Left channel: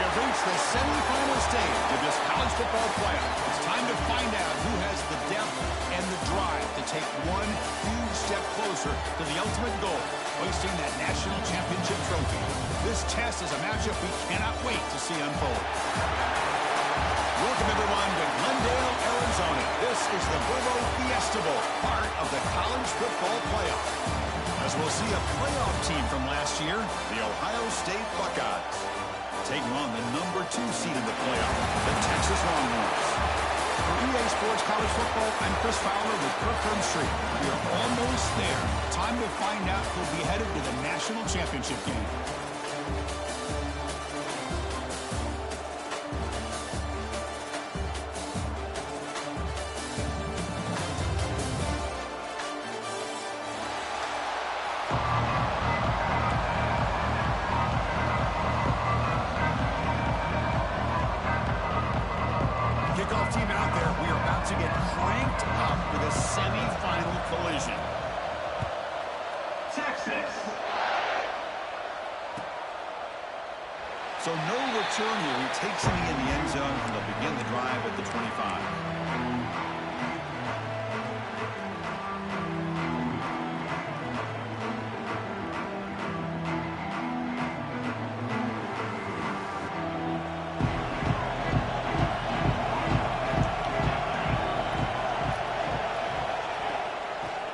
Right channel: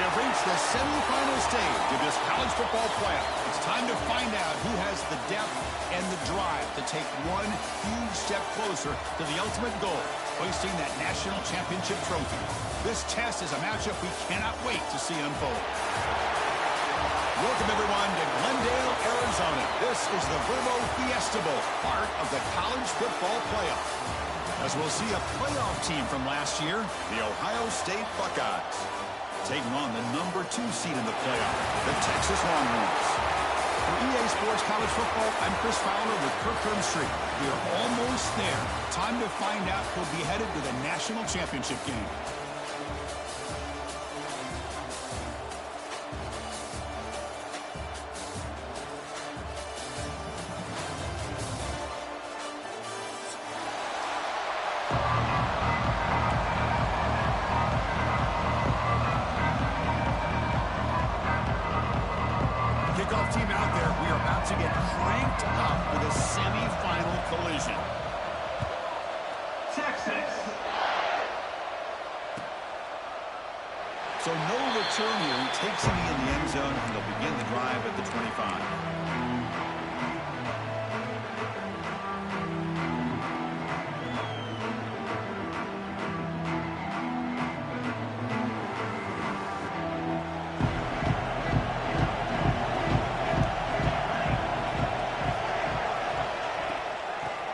We have reached the semifinal stage of this college football playoff. It's time to find out who has the depth and the drive to take one huge step closer to the ultimate goal, hoisting that national championship trophy. This test is a matchup we cannot wait to see unfold. Welcome, everyone, to Glendale, Arizona. This is the Verbo Fiesta Bowl, part of the college football playoff. As we'll see a playoff team from last year, the Ohio State Buckeyes, taking on the number 2 seed in the playoff, the Texas Longhorns. For EA Sports College Football, I'm Chris Fowler with Kirk Herbstreit. We are almost there. Time to find out who'll be headed to the national championship game. Kickoff team out there. We are about to get cranked up with a semi-final collision. Texas. So no return here. He takes it in the end zone, and they'll begin the drive at the 25.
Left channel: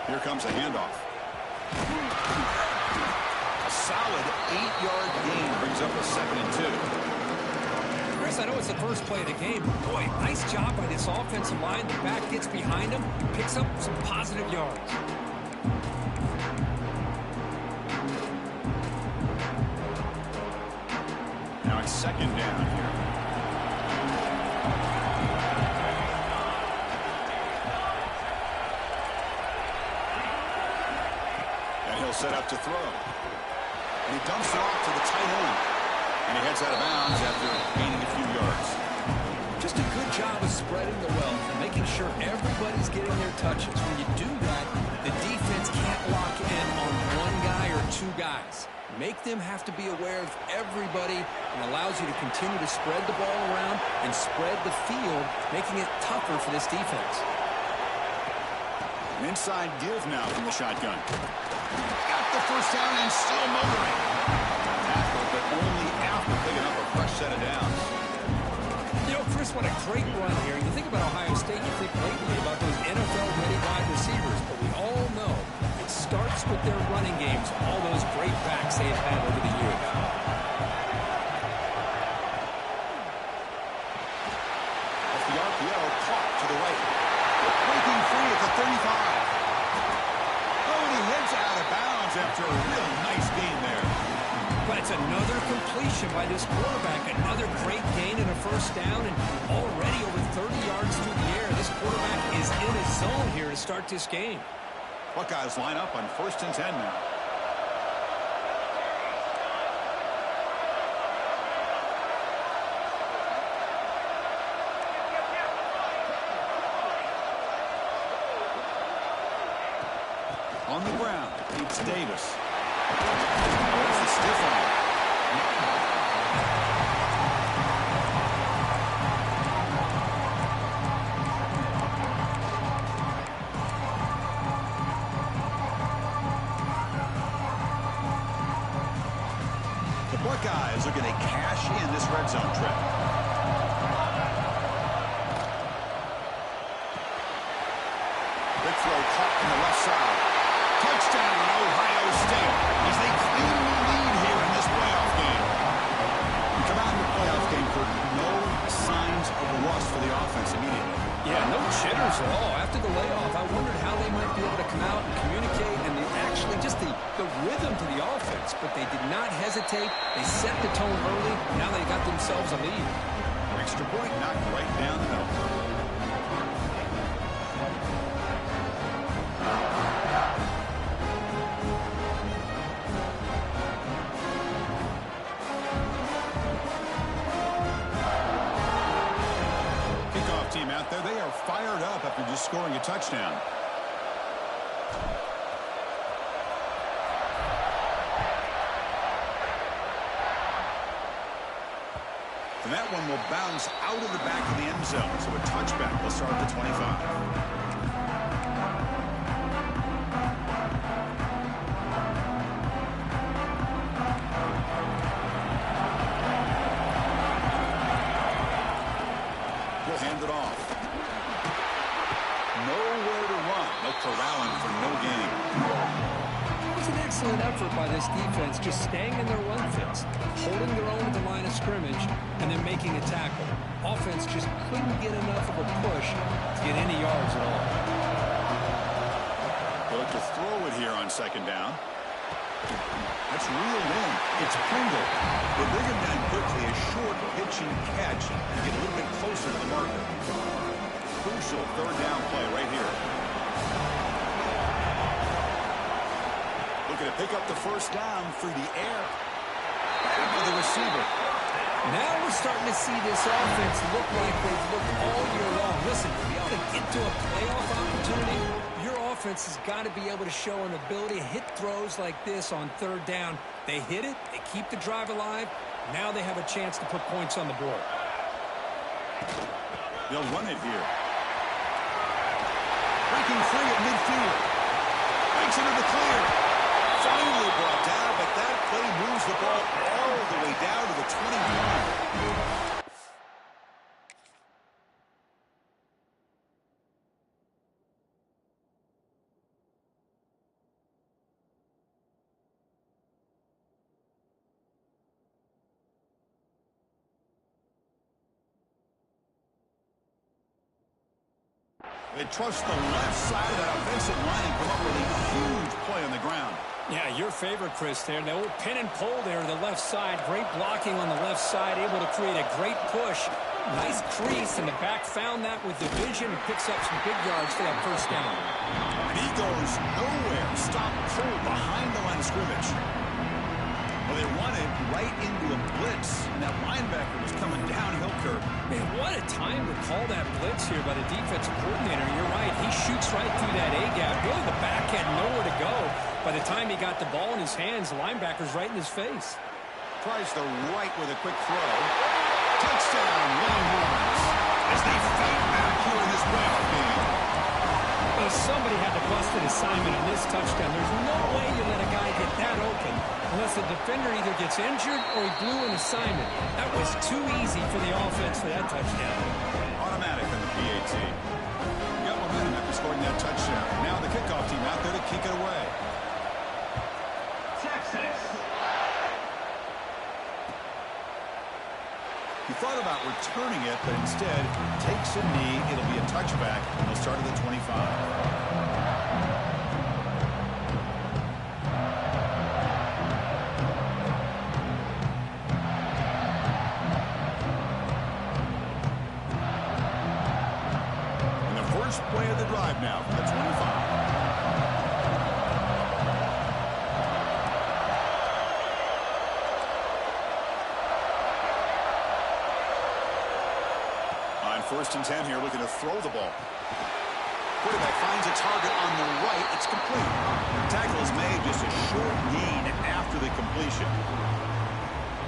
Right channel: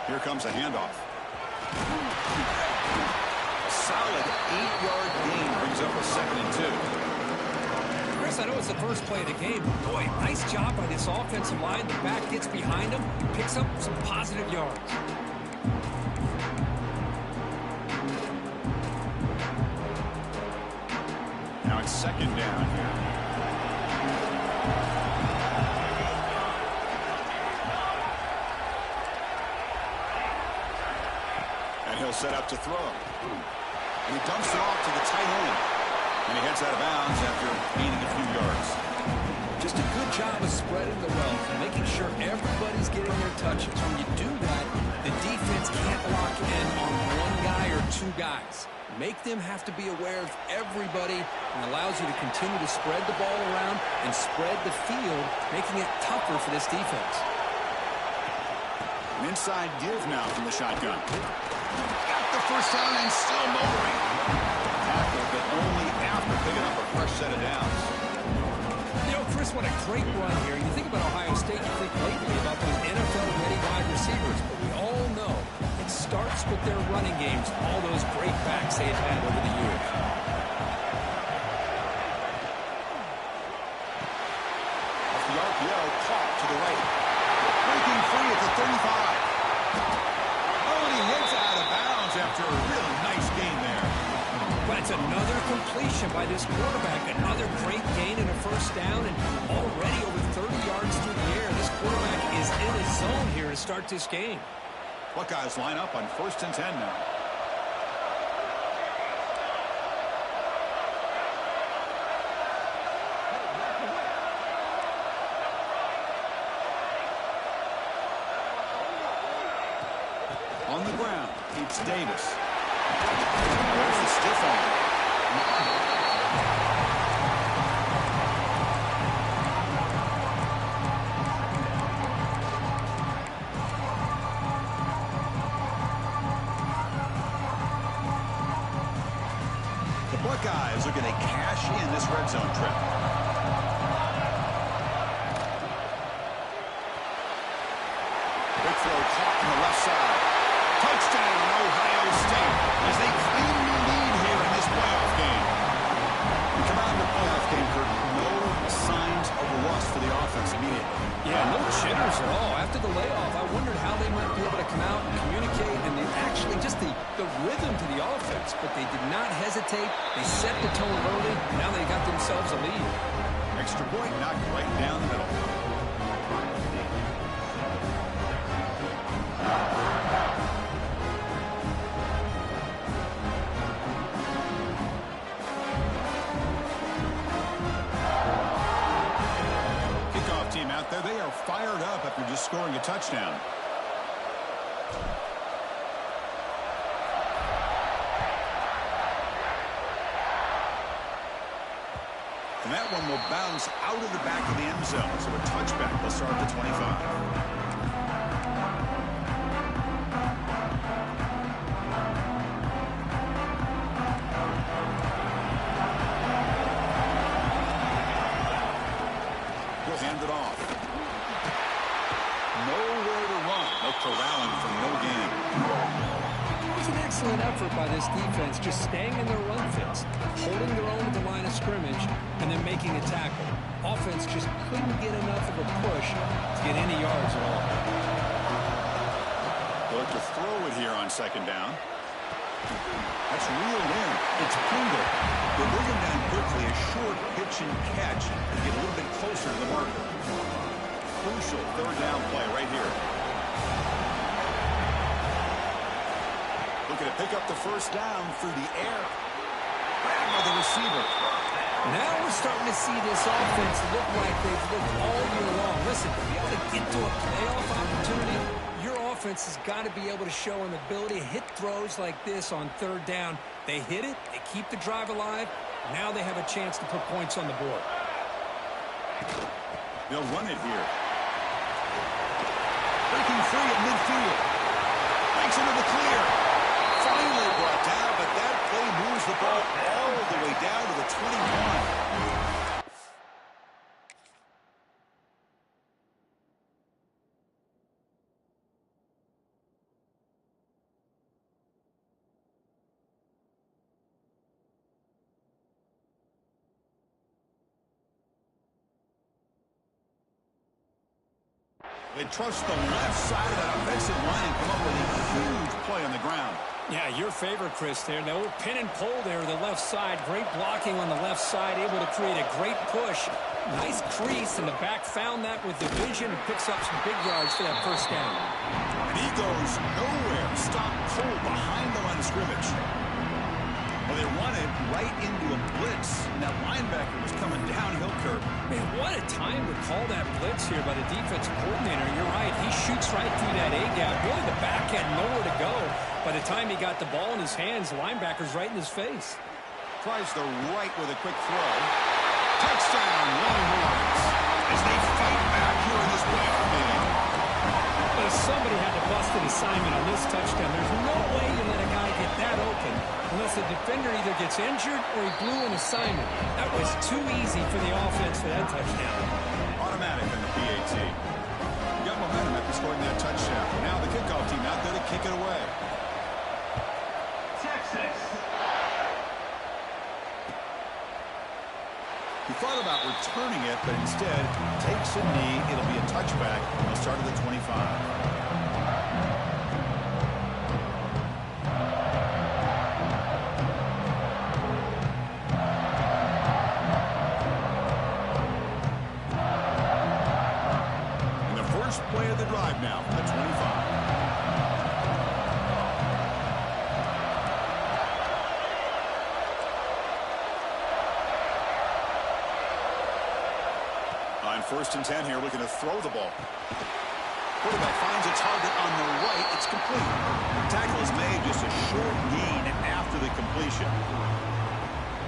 Here comes a handoff. A solid 8-yard gain brings up a 2nd and 2. Chris, I know it's the first play of the game. Boy, nice job by this offensive line. The back gets behind him, picks up some positive yards. Now it's 2nd down here. And he'll set up to throw. And he dumps it off to the tight end. And he heads out of bounds after gaining a few yards. Just a good job of spreading the wealth and making sure everybody's getting their touches. When you do that, the defense can't lock in on one guy or 2 guys. Make them have to be aware of everybody, and allows you to continue to spread the ball around and spread the field, making it tougher for this defense. An inside give now from the shotgun. Got the first down and still motoring. Tackle, but only after picking up a fresh set of downs. You know, Chris, what a great run here. You think about Ohio State, you think lately about those NFL-ready wide receivers, but we all know it starts with their running games, all those great backs they've had over the years. Off the RPO, caught to the right. Breaking free at the 35. Oh, and he heads out of bounds after a real nice gain there. But it's another completion by this quarterback. Another great gain and a first down, and already over 30 yards through the air. This quarterback is in a zone here to start this game. Buckeyes line up on 1st and 10 now. On the ground, it's Davis. There's the stiff arm. The Buckeyes are going to cash in this red zone trip. Big throw caught on the left side. Touchdown, Ohio State, as they claim the lead here in this playoff game. We come out in the playoff game, Kirk, no signs of rust for the offense immediately. Yeah, no jitters at all. After the layoff, I wondered how they might be able to come out and communicate, and actually just the rhythm to the offense. But they did not hesitate. They set the tone early. Now they got themselves a lead. Extra point knocked right down the middle. Team out there, they are fired up after just scoring a touchdown. And that one will bounce out of the back of the end zone. So a touchback will start at the 25. Hand it off. Nowhere to run. They'll corral him for no gain. It was an excellent effort by this defense, just staying in their run fits, holding their own at the line of scrimmage, and then making a tackle. Offense just couldn't get enough of a push to get any yards at all. They'll look to throw it here on second down. That's reeled in. It's Pringle. They bring him down quickly. A short pitch and catch and get a little bit closer to the marker. Crucial third down play right here. Looking to pick up the first down through the air. Grabbed by the receiver. Now we're starting to see this offense look like they've looked all year long. Listen, to be able to get to a playoff opportunity, your offense has got to be able to show an ability to hit throws like this on third down. They hit it, they keep the drive alive. Now they have a chance to put points on the board. They'll run it here. Breaking free at midfield. Breaks into the clear. Finally brought down, but that play moves the ball all the way down to the 21. They trust the left side of that offensive line and come up with a huge play on the ground. Yeah, your favorite, Chris, there. The old pin and pull there, the left side. Great blocking on the left side, able to create a great push. Nice crease, and the back found that with the vision and picks up some big yards for that first down. And he goes nowhere. Stop cold behind the line of scrimmage. Well, they run it right into a blitz, and that linebacker was coming downhill curve. Man, what a time to call that blitz here by the defensive coordinator. You're right. He shoots right through that A-gap. Really, the back had nowhere to go. By the time he got the ball in his hands, the linebacker's right in his face. Tries the right with a quick throw. Touchdown, Longhorns, as they fight back here in this playoff game. Well, somebody had to bust an assignment on this touchdown. There's no way you let a guy get that open unless the defender either gets injured or he blew an assignment. That was too easy for the offense for that touchdown. Automatic on the PAT. Got momentum after scoring that touchdown. Now the kickoff team out there to kick it away. Texas. He thought about returning it, but instead takes a knee. It'll be a touchback. They'll start at the 25. And the first play of the drive now from the 25. First and 10 here, looking to throw the ball. Quarterback finds a target on the right. It's complete. The tackle is made, just a short gain after the completion.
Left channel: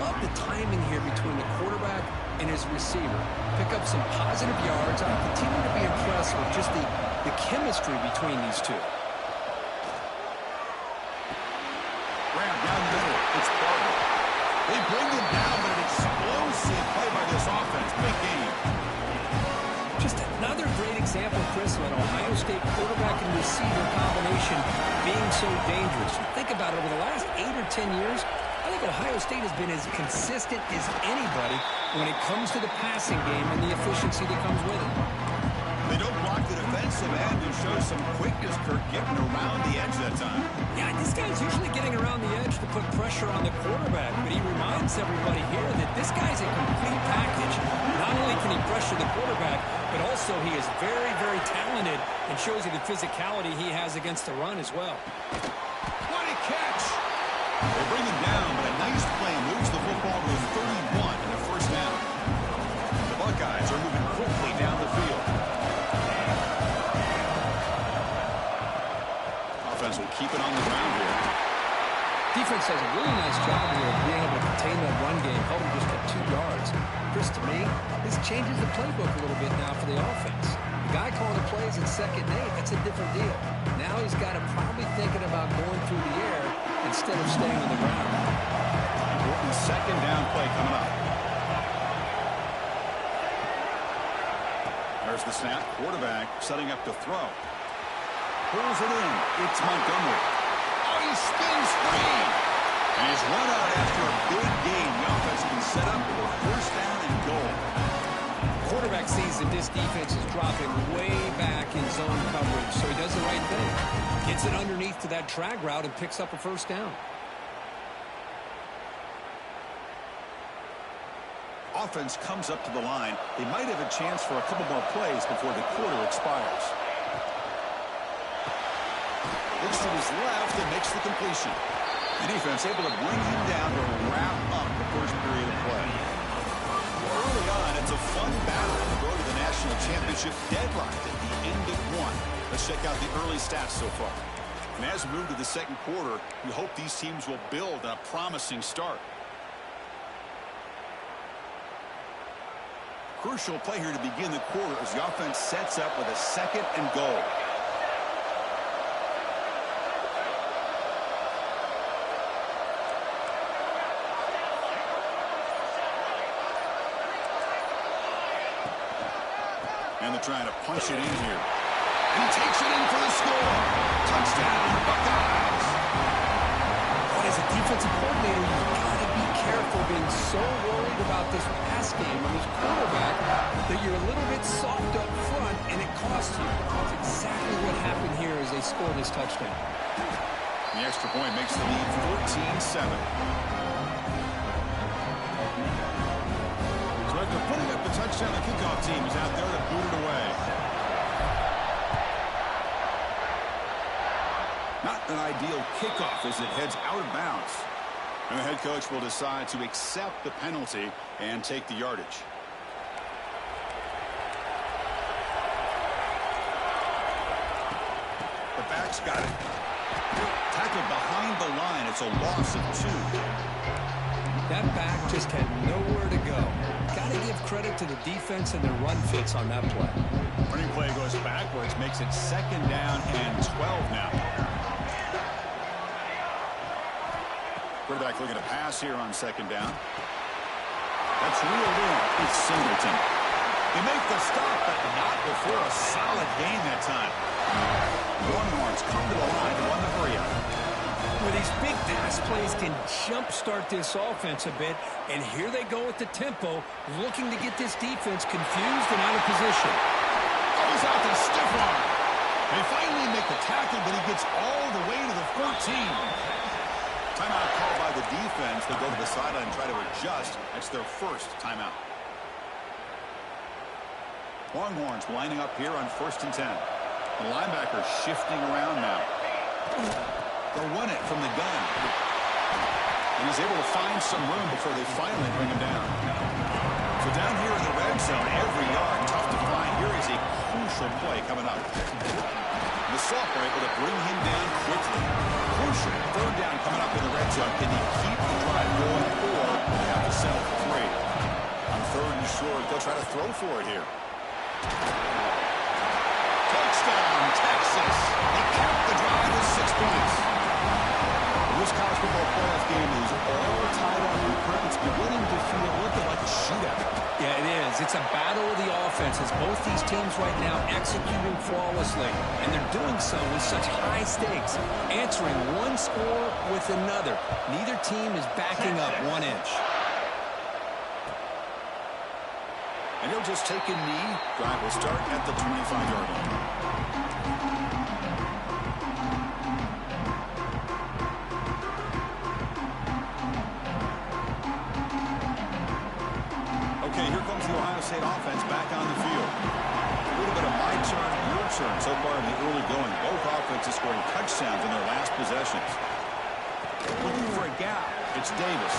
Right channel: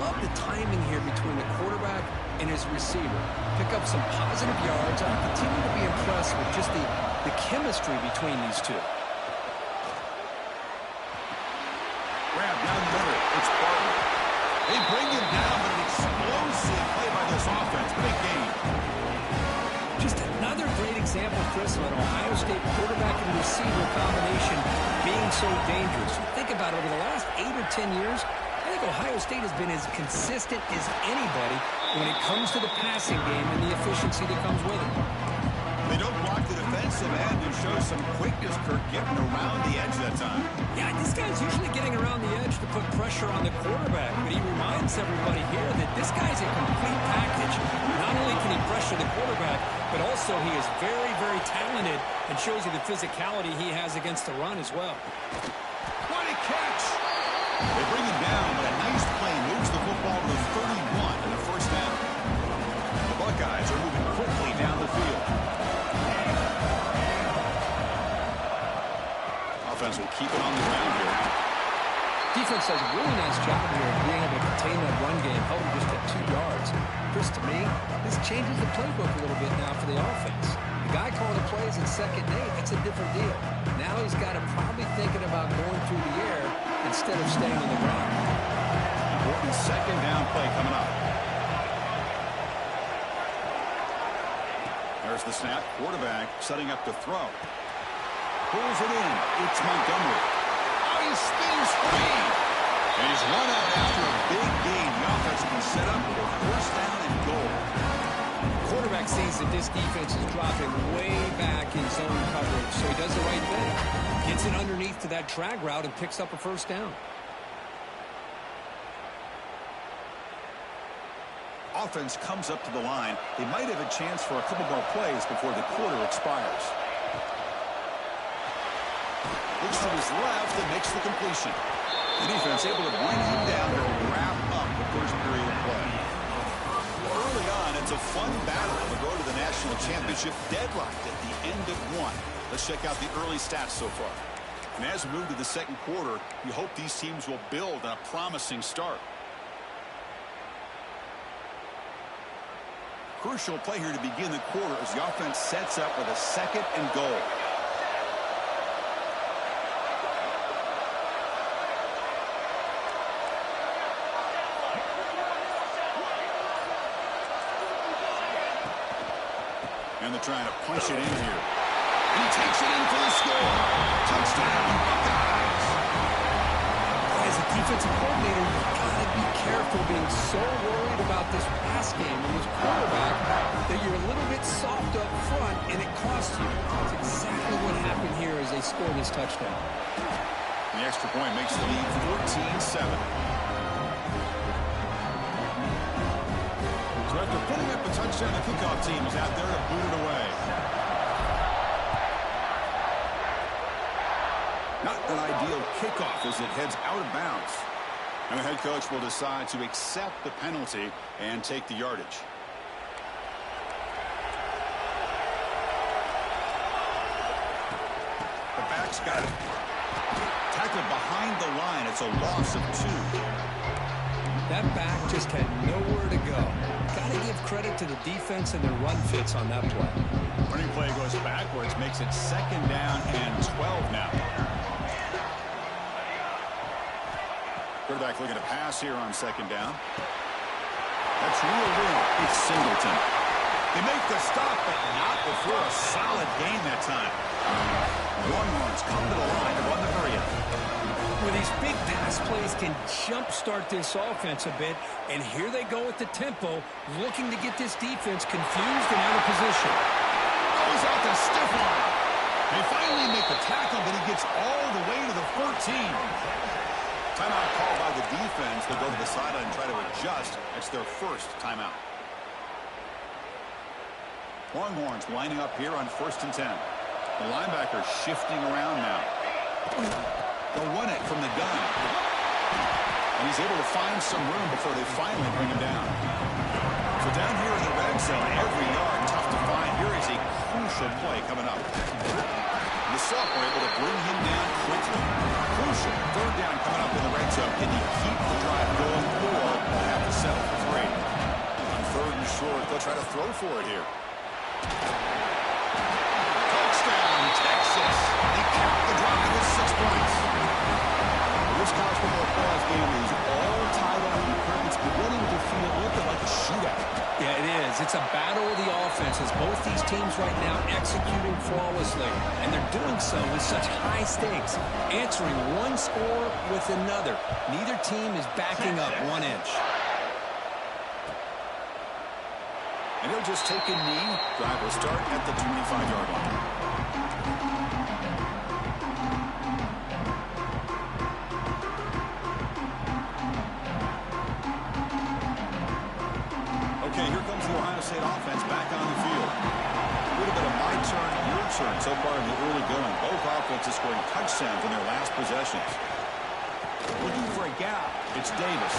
Love the timing here between the quarterback and his receiver. Pick up some positive yards. I continue to be impressed with just the chemistry between these two. Grab down the middle. It's Barber. They bring him down, but an explosive play by this offense. Big game. Just another great example, Chris, of an Ohio State quarterback and receiver combination being so dangerous. Think about it, over the last 8 or 10 years, I think Ohio State has been as consistent as anybody when it comes to the passing game and the efficiency that comes with it. They don't block the defensive end and show some quickness, Kirk, getting around the edge that time. Yeah, this guy's usually getting around the edge to put pressure on the quarterback, but he reminds everybody here that this guy's a complete package. Not only can he pressure the quarterback, but also he is very, very talented and shows you the physicality he has against the run as well. What a catch! They bring him down, but a nice play moves the football to the 31 and a first down. The Buckeyes are moving quickly down the field. Offense will keep it on the ground here. defense does a really nice job here of being able to contain that run game, held him just at 2 yards. Chris, to me, this changes the playbook a little bit now for the offense. The guy calling the plays at 2nd and 8, that's a different deal. Now he's got to probably thinking about going through the air instead of staying on the ground. Important 2nd down play coming up. There's the snap. Quarterback setting up to throw. Pulls it in. It's Montgomery. Oh, he spins free. And he's run out after a big gain. The offense has been set up with a 1st down and goal. Quarterback sees that this defense is dropping way back in zone coverage, so he does the right thing. Gets it underneath to that drag route and picks up a 1st down. Offense comes up to the line. They might have a chance for a couple more plays before the quarter expires. Looks to his left and makes the completion. The defense able to bring him down to wrap up the 1st period of play. Early on, it's a fun battle on the road to the national championship, deadlocked at the end of 1. Let's check out the early stats so far. And as we move to the 2nd quarter, you hope these teams will build on a promising start. Crucial play here to begin the quarter as the offense sets up with a 2nd and goal. And they're trying to punch it in here. And he takes it in for the score. Touchdown, Buckeyes. As a defensive coordinator, you've got to be careful being so worried about this pass game and this quarterback that you're a little bit soft up front and it costs you. That's exactly what happened here as they score this touchdown. The extra point makes the lead 14-7. So after putting up the touchdown, the kickoff team is out there to boot it away. Not an ideal kickoff as it heads out of bounds. And the head coach will decide to accept the penalty and take the yardage. The back's got it. Tackled behind the line. It's a loss of 2. That back just had nowhere to go. Got to give credit to the defense and their run fits on that play. Running play goes backwards, makes it 2nd down and 12 now. Quarterback looking to pass here on 2nd down. That's reeled in. It's Singleton. They make the stop, but not before a solid gain that time. Longhorns come to the line to run the hurry up. Well, these big pass plays can jumpstart this offense a bit, and here they go with the tempo, looking to get this defense confused and out of position. Goes out to stiff arm. They finally make the tackle, but he gets all the way to the 14. Timeout called by the defense. They'll go to the sideline and try to adjust. That's their 1st timeout. Longhorns lining up here on 1st and 10. The linebacker shifting around now. They'll run it from the gun. And he's able to find some room before they finally bring him down. So down here in the red zone, every yard tough to find. Here is a crucial play coming up. The sophomore able to bring him down quickly. Crucial 3rd down coming up in the red zone. Can he keep the drive going, or will they have to settle for 3? On 3rd and short, they'll try to throw for it here. Touchdown, Texas. They cap the drive with 6 points. This college football playoff game is all tied up. It's beginning to feel a little bit like a shootout. Yeah, it is. It's a battle of the offenses. Both these teams right now executing flawlessly, and they're doing so with such high stakes, answering one score with another. Neither team is backing up 1 inch. And he'll just take a knee. Drive will start at the 25-yard line. Okay, here comes the Ohio State offense back on the field. A little bit of my turn, your turn so far in the early going. Both offenses scoring touchdowns in their last possessions. Looking for a gap. It's Davis.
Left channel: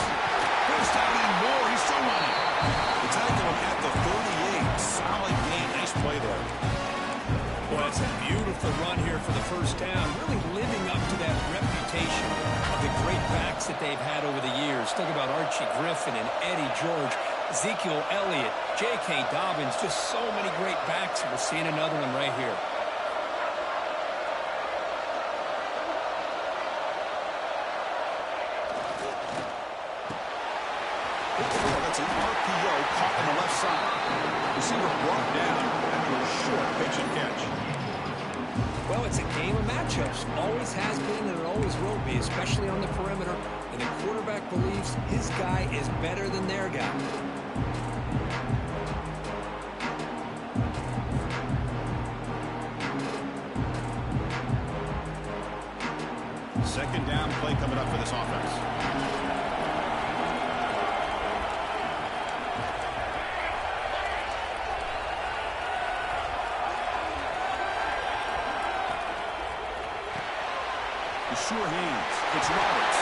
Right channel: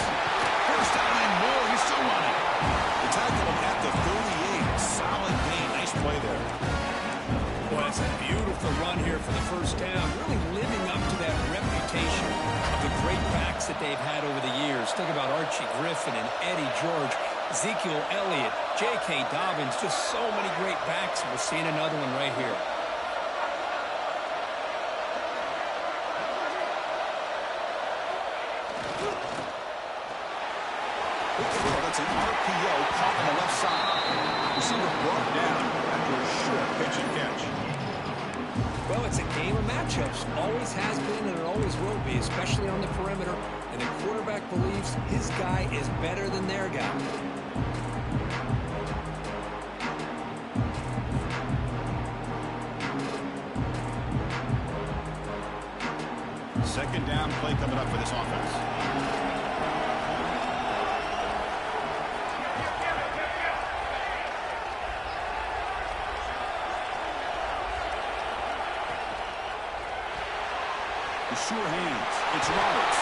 1st down and more. He's still running. They tackle him at the 38. Solid gain. Nice play there. Well, it's a beautiful run here for the first down, really living up to that reputation of the great backs that they've had over the years. Think about Archie Griffin and Eddie George, Ezekiel Elliott, J.K. Dobbins, just so many great backs, and we're seeing another one right here. That's an RPO caught on the left side. Receiver brought down after a short pitch and catch. Well, it's a game of matchups. Always has been and it always will be, especially on the perimeter. And the quarterback believes his guy is better than their guy. Second down play coming up for this offense. Sure hands. It's Roberts.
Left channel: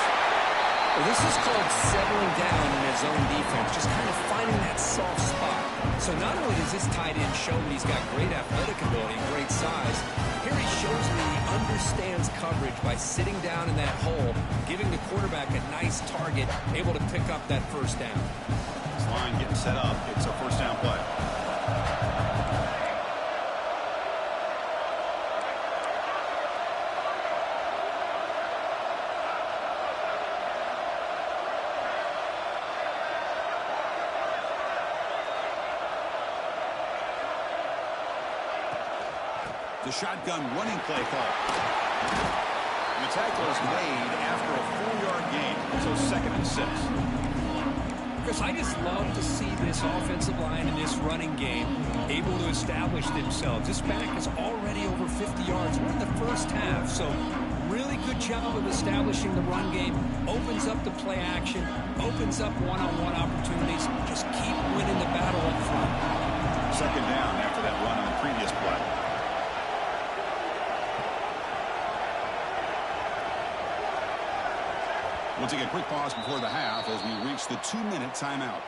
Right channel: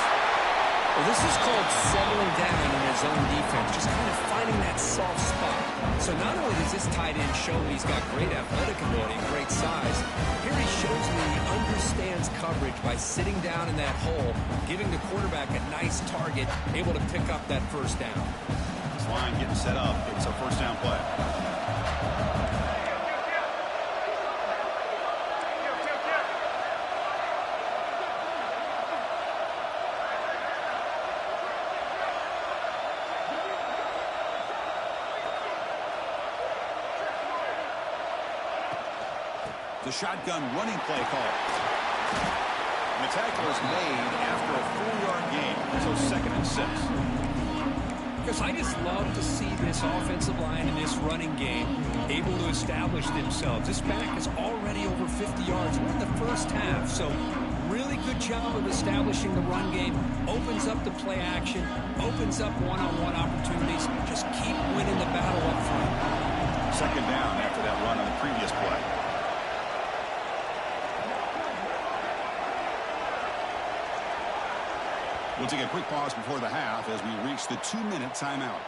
Well, this is called settling down in his own defense, just kind of finding that soft spot. So not only does this tight end show that he's got great athletic ability and great size, here he shows that he understands coverage by sitting down in that hole, giving the quarterback a nice target, able to pick up that first down. This line getting set up. It's a first down play. The shotgun running play call. And the tackle is made after a 4-yard gain, so 2nd and 6. Chris, I just love to see this offensive line in this running game able to establish themselves. This back is already over 50 yards. We're in the first half, so really good job of establishing the run game. Opens up the play action, opens up one-on-one opportunities. Just keep winning the battle up front. 2nd down after that run on the previous play. We'll take a quick pause before the half as we reach the 2-minute timeout.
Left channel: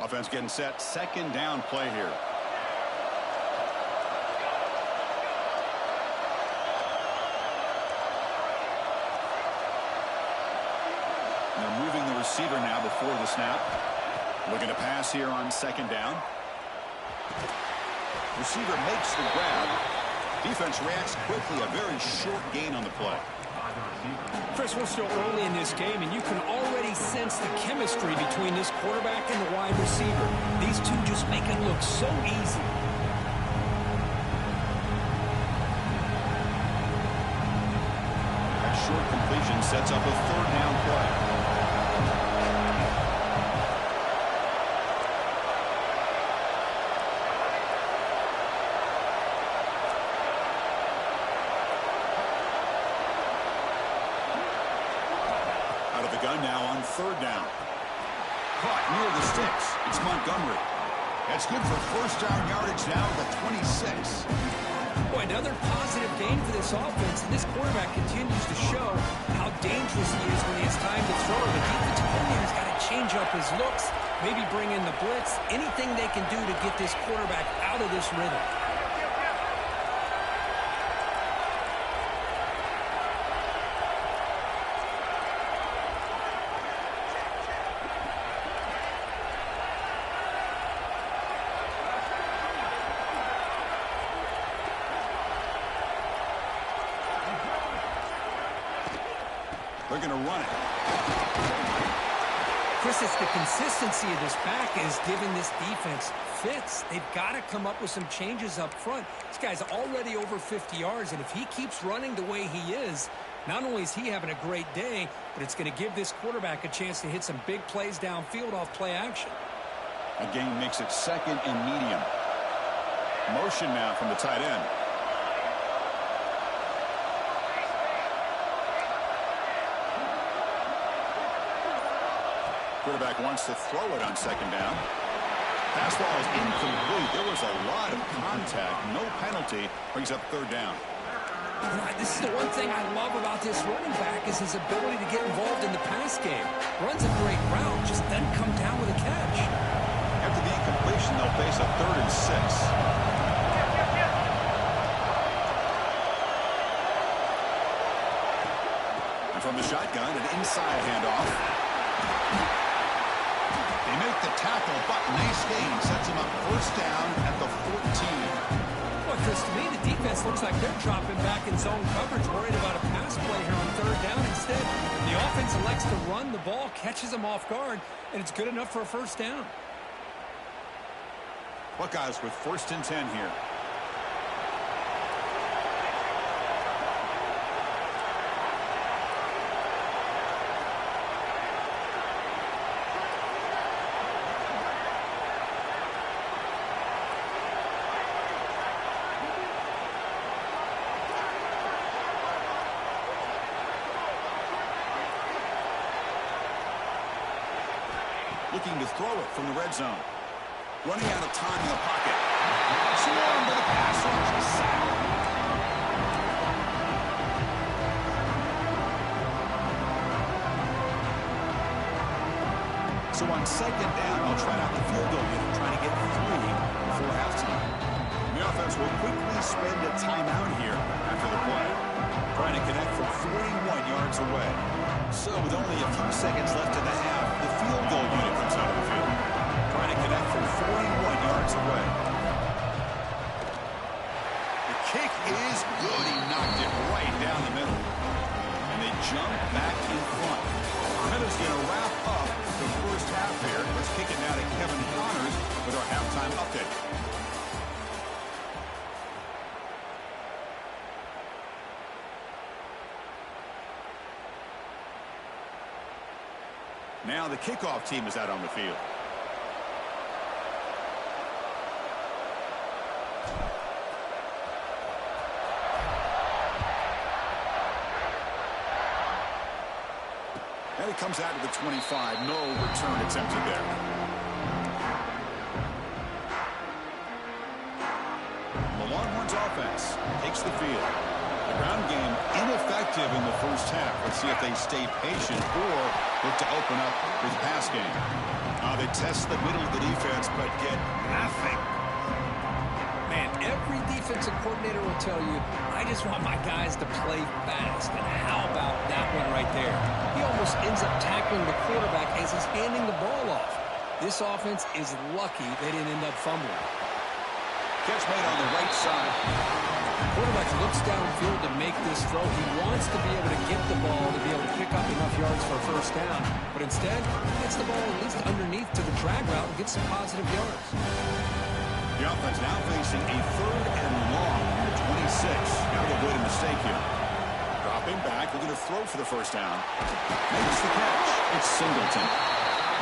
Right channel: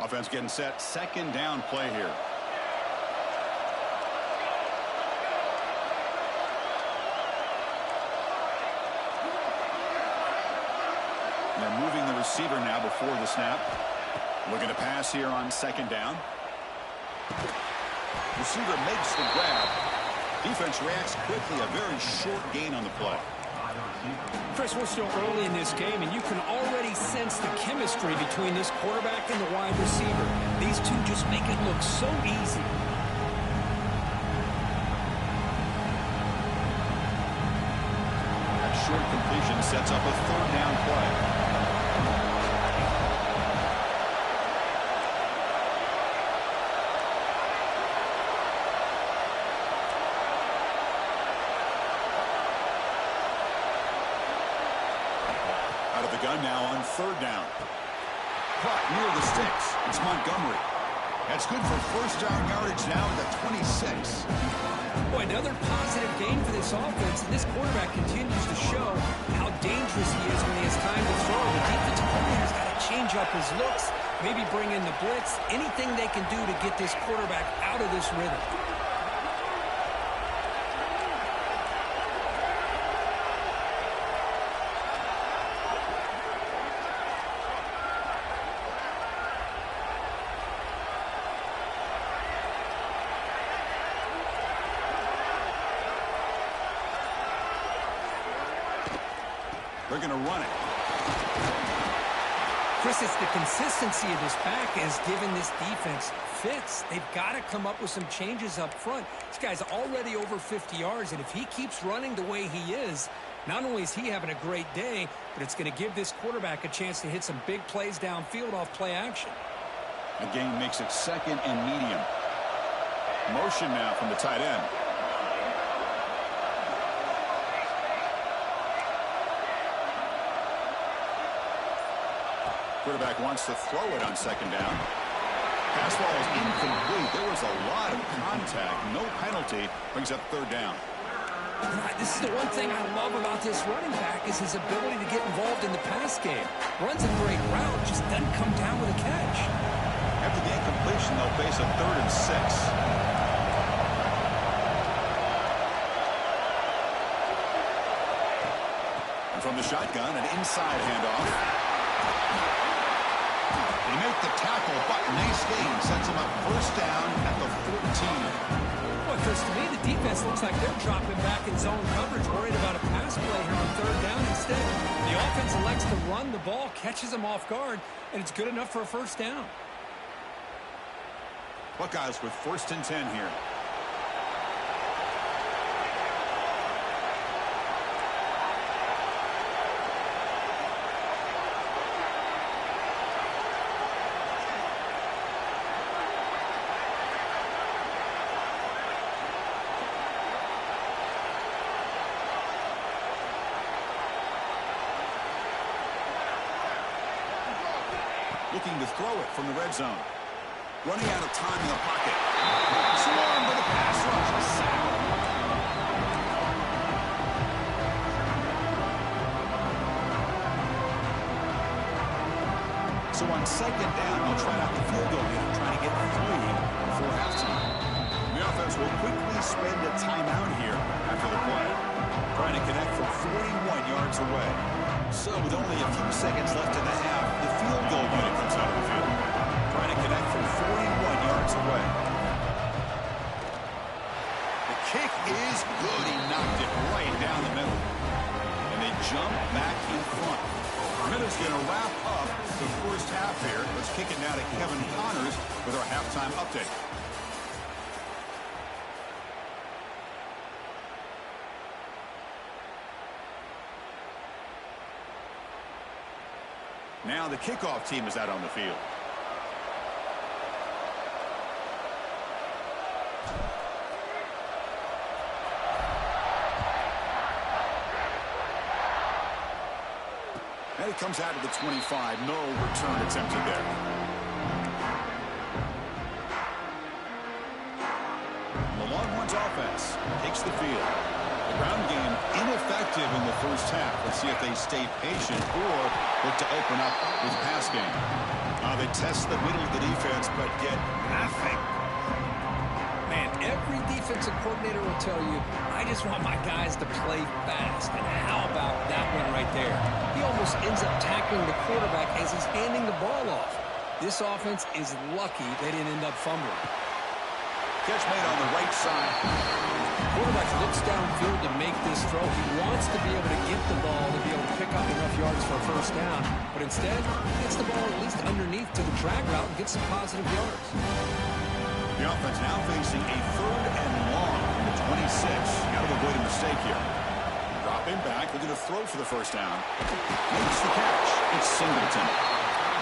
Offense getting set. 2nd down play here. And they're moving the receiver now before the snap. Looking to pass here on 2nd down. Receiver makes the grab. Defense reacts quickly. A very short gain on the play. Chris, we're still early in this game, and you can already sense the chemistry between this quarterback and the wide receiver. These two just make it look so easy. That short completion sets up a 3rd down play. Out of the gun now on 3rd down. Caught near the sticks. It's Montgomery. That's good for first down yardage now at the 26. Boy, another positive game for this offense, and this quarterback continues to show how dangerous he is when he has time to throw. The defensive coordinator's got to change up his looks, maybe bring in the blitz, anything they can do to get this quarterback out of this rhythm. They're going to run it. Chris, it's the consistency of this back is giving this defense fits. They've got to come up with some changes up front. This guy's already over 50 yards, and if he keeps running the way he is, not only is he having a great day, but it's going to give this quarterback a chance to hit some big plays downfield off play action. A gain makes it 2nd and medium. Motion now from the tight end. Quarterback wants to throw it on 2nd down. Pass ball is incomplete. There was a lot of contact. No penalty. Brings up 3rd down. This is the one thing I love about this running back is his ability to get involved in the pass game. Runs a great route, just doesn't come down with a catch. After the incompletion, they'll face a 3rd and 6. And from the shotgun, an inside handoff. They make the tackle, but nice gain. Sets them up first down at the 14. Well, Chris, to me, the defense looks like they're dropping back in zone coverage, worried about a pass play here on 3rd down. Instead, the offense elects to run the ball, catches them off guard, and it's good enough for a first down. Buckeyes with 1st and 10 here. Looking to throw it from the red zone. Running out of time in the pocket. Swarmed by the pass rush. A sack. So on 2nd down, they'll try out the field goal unit, trying to get 3 before halftime. The offense will quickly spend a timeout here after the play. Trying to connect from 41 yards away. So with only a few seconds left in the half, the field goal unit comes out of the field. Trying to connect from 41 yards away. The kick is good. He knocked it right down the middle. And they jump back in front. Minutes going to wrap up the first half here. Let's kick it now to Kevin Connors with our halftime update. Now the kickoff team is out on the field. And it comes out to the 25. No return attempted there. The Longhorns offense takes the field. The ground game ineffective in the first half. Let's see if they stay patient or look to open up with pass game. They test the middle of the defense, but get nothing. Man, every defensive coordinator will tell you, I just want my guys to play fast. And how about that one right there? He almost ends up tackling the quarterback as he's handing the ball off. This offense is lucky they didn't end up fumbling. Catch made on the right side. Quarterback looks downfield to make this throw. He wants to be able to get the ball to be able to pick up enough yards for a first down. But instead, he gets the ball at least underneath to the drag route and gets some positive yards. The offense now facing a 3rd and long from the 26. Got to avoid a mistake here. Dropping back, looking to throw for the first down. Makes the catch. It's Singleton.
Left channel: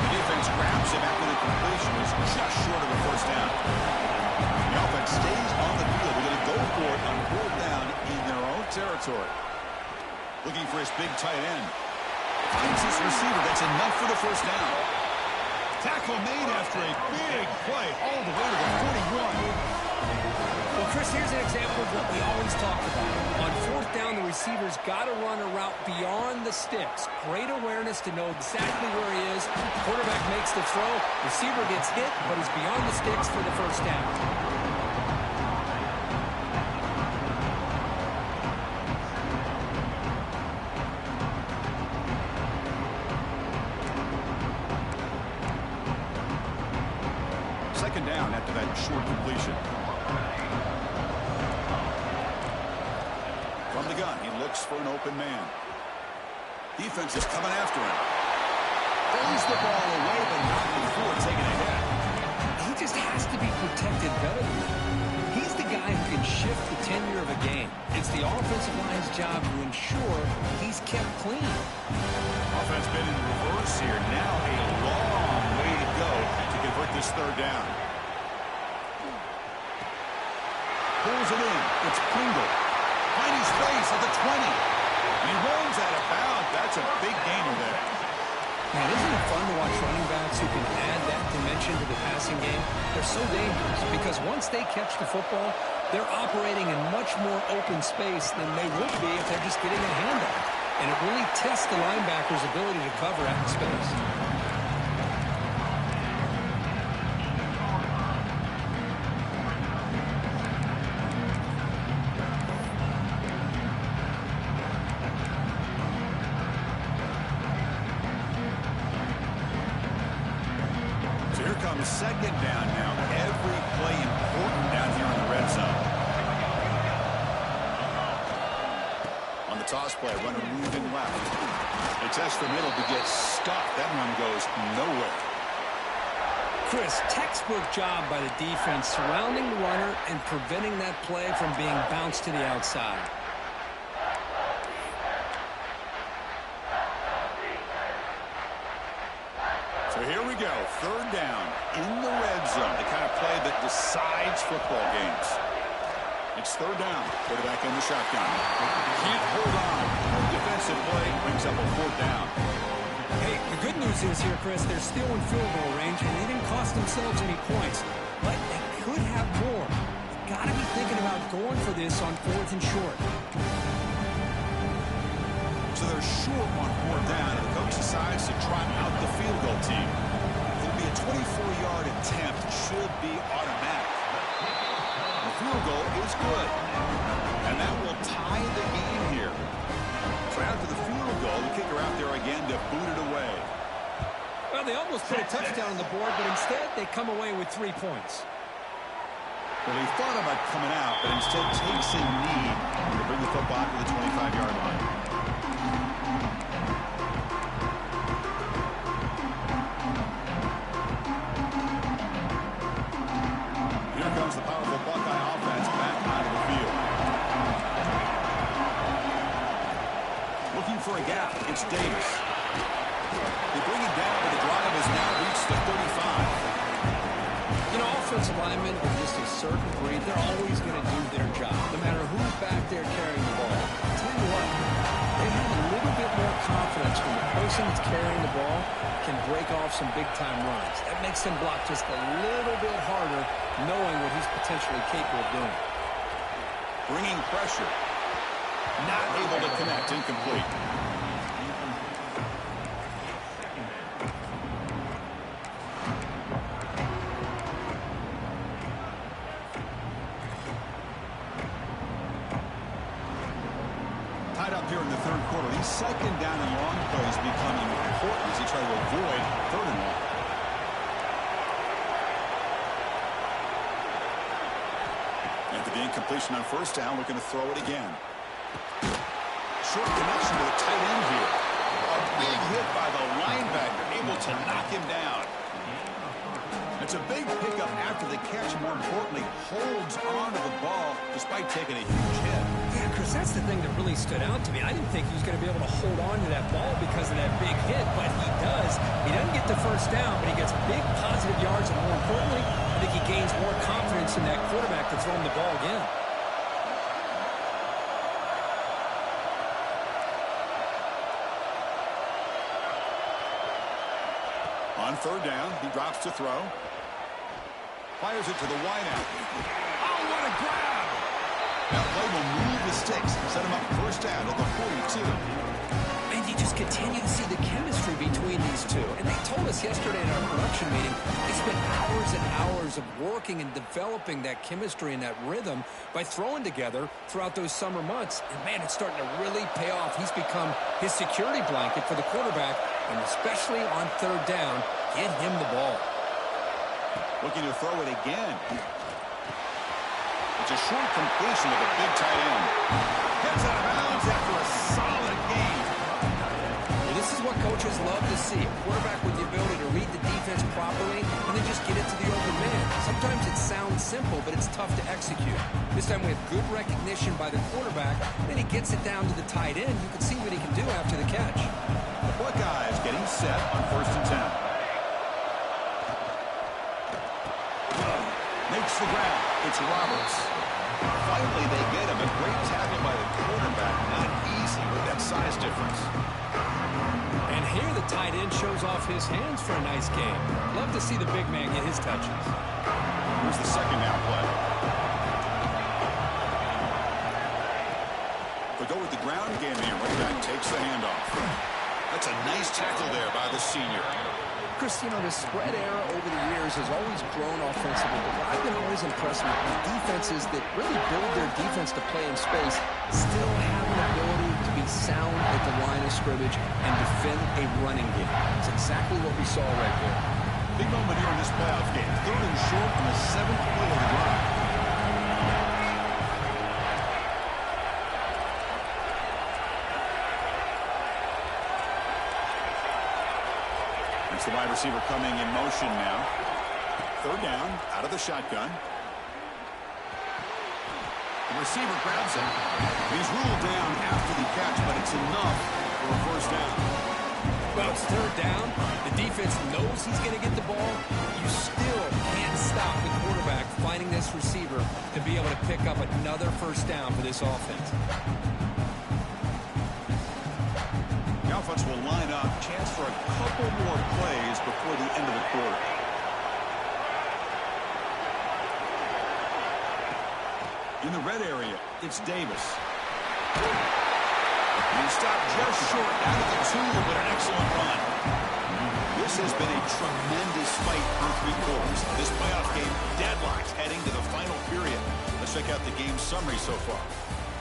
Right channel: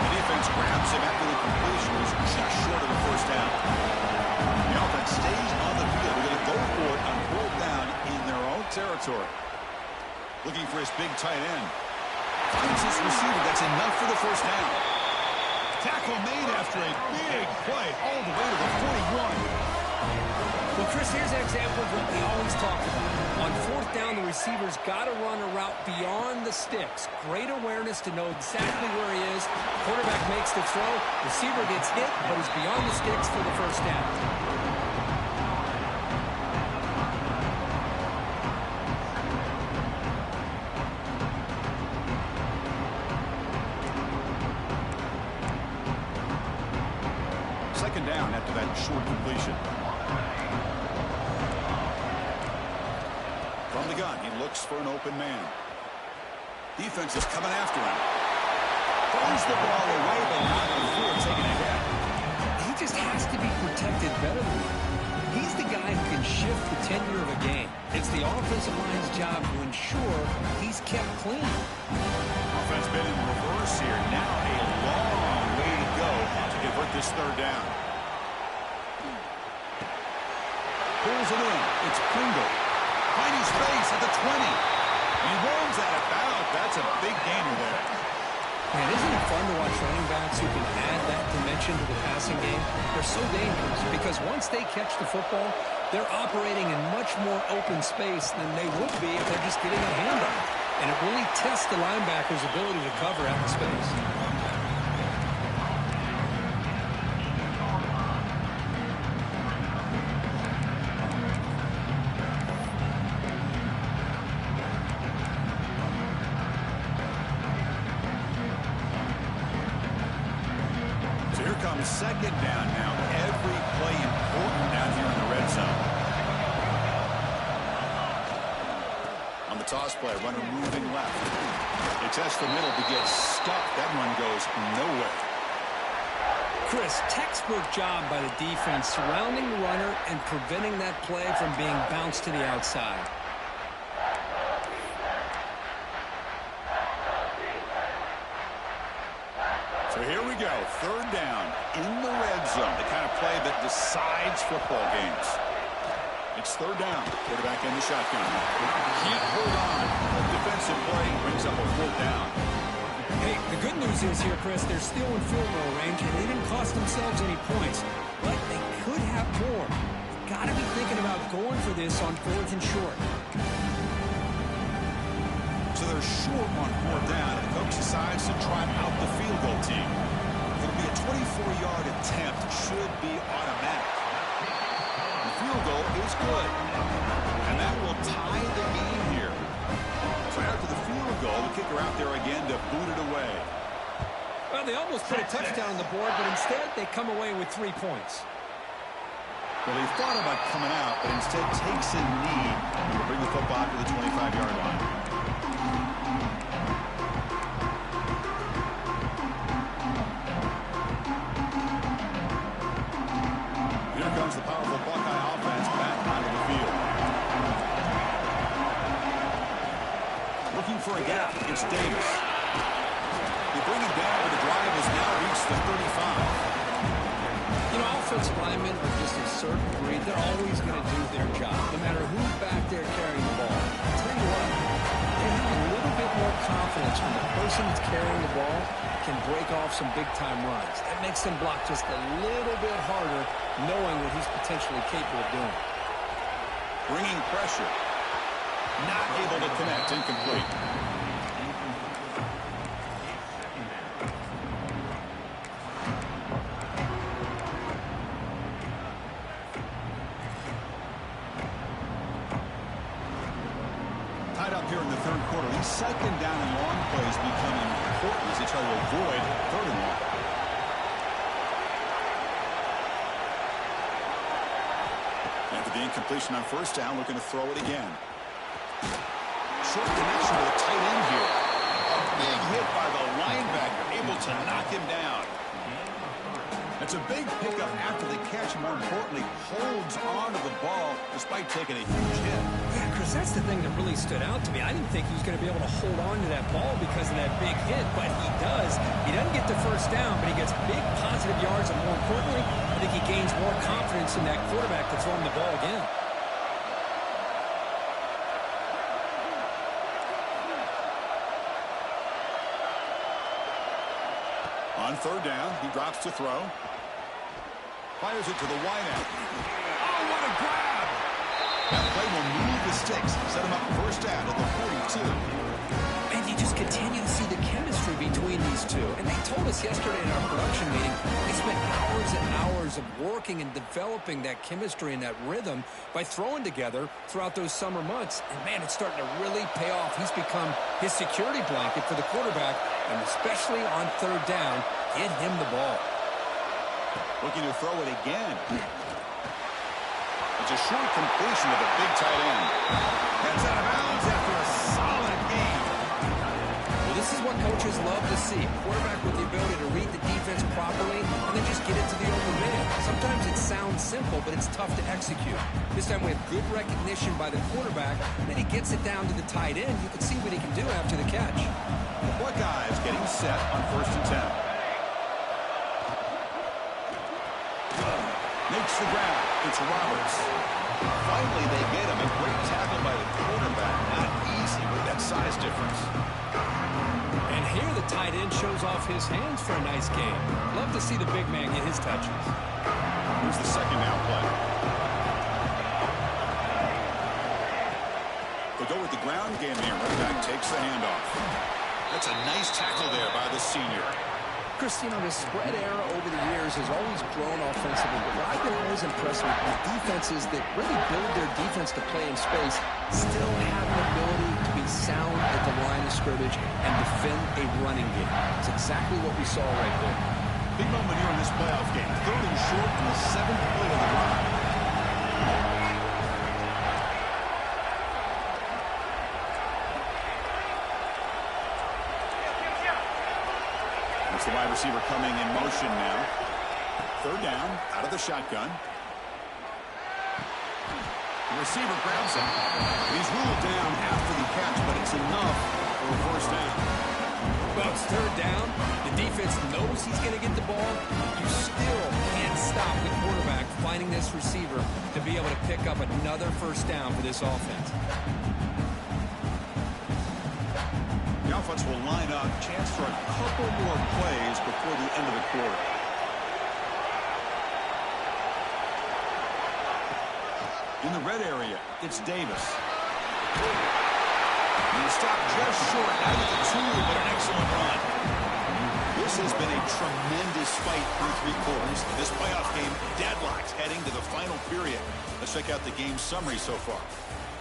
The defense grabs him after the completion. Was just short of a first down. The offense stays on the field. They're going to go for it on 4th down in their own territory. Looking for his big tight end. Finds his receiver. That's enough for the first down. Tackle made after a big play all the way to the 41. Well, Chris, here's an example of what we always talk about. On 4th down, the receiver's got to run a route beyond the sticks. Great awareness to know exactly where he is. Quarterback makes the throw. Receiver gets hit, but he's beyond the sticks for the first down. Second down after that short completion. From the gun, he looks for an open man. Defense is coming after him. Throws the ball away, but not before taking a hit. He just has to be protected better than that. He's the guy who can shift the tenure of a game. It's the offensive line's job to ensure he's kept clean. Offense been in reverse here. Now a long way to go to convert this 3rd down. Pulls it in. It's Pringle. Finding space at the 20. And he rolls out of bounds. That's a big gainer there. Man, isn't it fun to watch running backs who can add that dimension to the passing game? They're so dangerous because once they catch the football, They're operating in much more open space than they would be if they're just getting a handoff. And it really tests the linebacker's ability to cover out in space. So here comes second down now. Every play important down here in the red zone. On the toss play, runner moving left. They test the middle to get stuffed. That one goes nowhere. Chris, textbook job by the defense surrounding the runner and preventing that play from being bounced to the outside. So here we go, third down in the red zone, the kind of play that decides football games. It's third down, quarterback in the shotgun. Can't hold on. A defensive play brings up a fourth down. Hey, the good news is here, Chris, they're still in field goal range, and they didn't cost themselves any points, but they could have more. They've got to be thinking about going for this on fourth and short. So they're short on fourth down, and the coach decides to trot out the field goal team. It'll be a 24-yard attempt. Should be automatic. The field goal is good, and that will tie the game here. So after the field goal, the kicker out there again to boot it away. Well, they almost put a touchdown on the board, but instead they come away with 3 points. Well, he thought about coming out, but instead takes a knee to bring the football to the 25-yard line. Here comes the powerful Buckeye offense back onto the field. Looking for a gap. It's Davis. They bring it down, but the drive has now reached the 35. You know, offensive linemen are just a certain breed. They're always going to do their job, no matter who's back there carrying the ball. I'll tell you what, they have a little bit more confidence when the person that's carrying the ball can break off some big-time runs. That makes them block just a little bit harder, knowing what he's potentially capable of doing. Bringing pressure. Not able to connect. Incomplete. Tied up here in the third quarter. These second down and long plays become important as they try to avoid third and long. After the incompletion on first down, looking to throw it again. Short connection to the tight end here. A big hit by the linebacker, able to knock him down. It's a big pickup after the catch, more importantly, holds on to the ball despite taking a huge hit. Yeah, Chris, that's the thing that really stood out to me. I didn't think he was going to be able to hold on to that ball because of that big hit, but he does. He doesn't get the first down, but he gets big positive yards, and more importantly, I think he gains more confidence in that quarterback to throw him the ball again. On third down, he drops to throw. Fires it to the wideout. Oh, what a grab! That play will move the sticks. Set him up first down at the 42. And you just continue to see the chemistry between these two. And they told us yesterday in our production meeting, they spent hours and hours of working and developing that chemistry and that rhythm by throwing together throughout those summer months. And, man, it's starting to really pay off. He's become his security blanket for the quarterback, and especially on third down, get him the ball. Looking to throw it again. It's a short completion to the big tight end. Gets out of bounds after a solid game. Well, this is what coaches love to see. A quarterback with the ability to read the defense properly and then just get it to the open man. Sometimes it sounds simple, but it's tough to execute. This time we have good recognition by the quarterback. Then he gets it down to the tight end. You can see what he can do after the catch. The Buckeyes getting set on 1st and 10. Makes the grab. It's Roberts. Finally, they get him. A great tackle by the quarterback. Not easy with that size difference. And here the tight end shows off his hands for a nice game. Love to see the big man get his touches. Here's the second down play. They'll go with the ground game here. Running back takes the handoff. That's a nice tackle there by the senior. Chris, you know, the spread era over the years has always grown offensively, but what I've been always impressed with defenses that really build their defense to play in space still have an ability to be sound at the line of scrimmage and defend a running game. It's exactly what we saw right there. Big moment here in this playoff game. 3rd and short on the 7th play of the drive. It's the wide receiver coming in motion now. 3rd down, out of the shotgun. The receiver grabs him. He's ruled down after the catch, but it's enough for a 1st down. Well, it's 3rd down. The defense knows he's going to get the ball. You still can't stop the quarterback finding this receiver to be able to pick up another 1st down for this offense. The offense will line up. Chance for a couple more plays before the end of the quarter. In the red area, it's Davis. And he stopped just short out of the 2, but an excellent run. This has been a tremendous fight through 3 quarters. This playoff game deadlocked heading to the final period. Let's check out the game summary so far.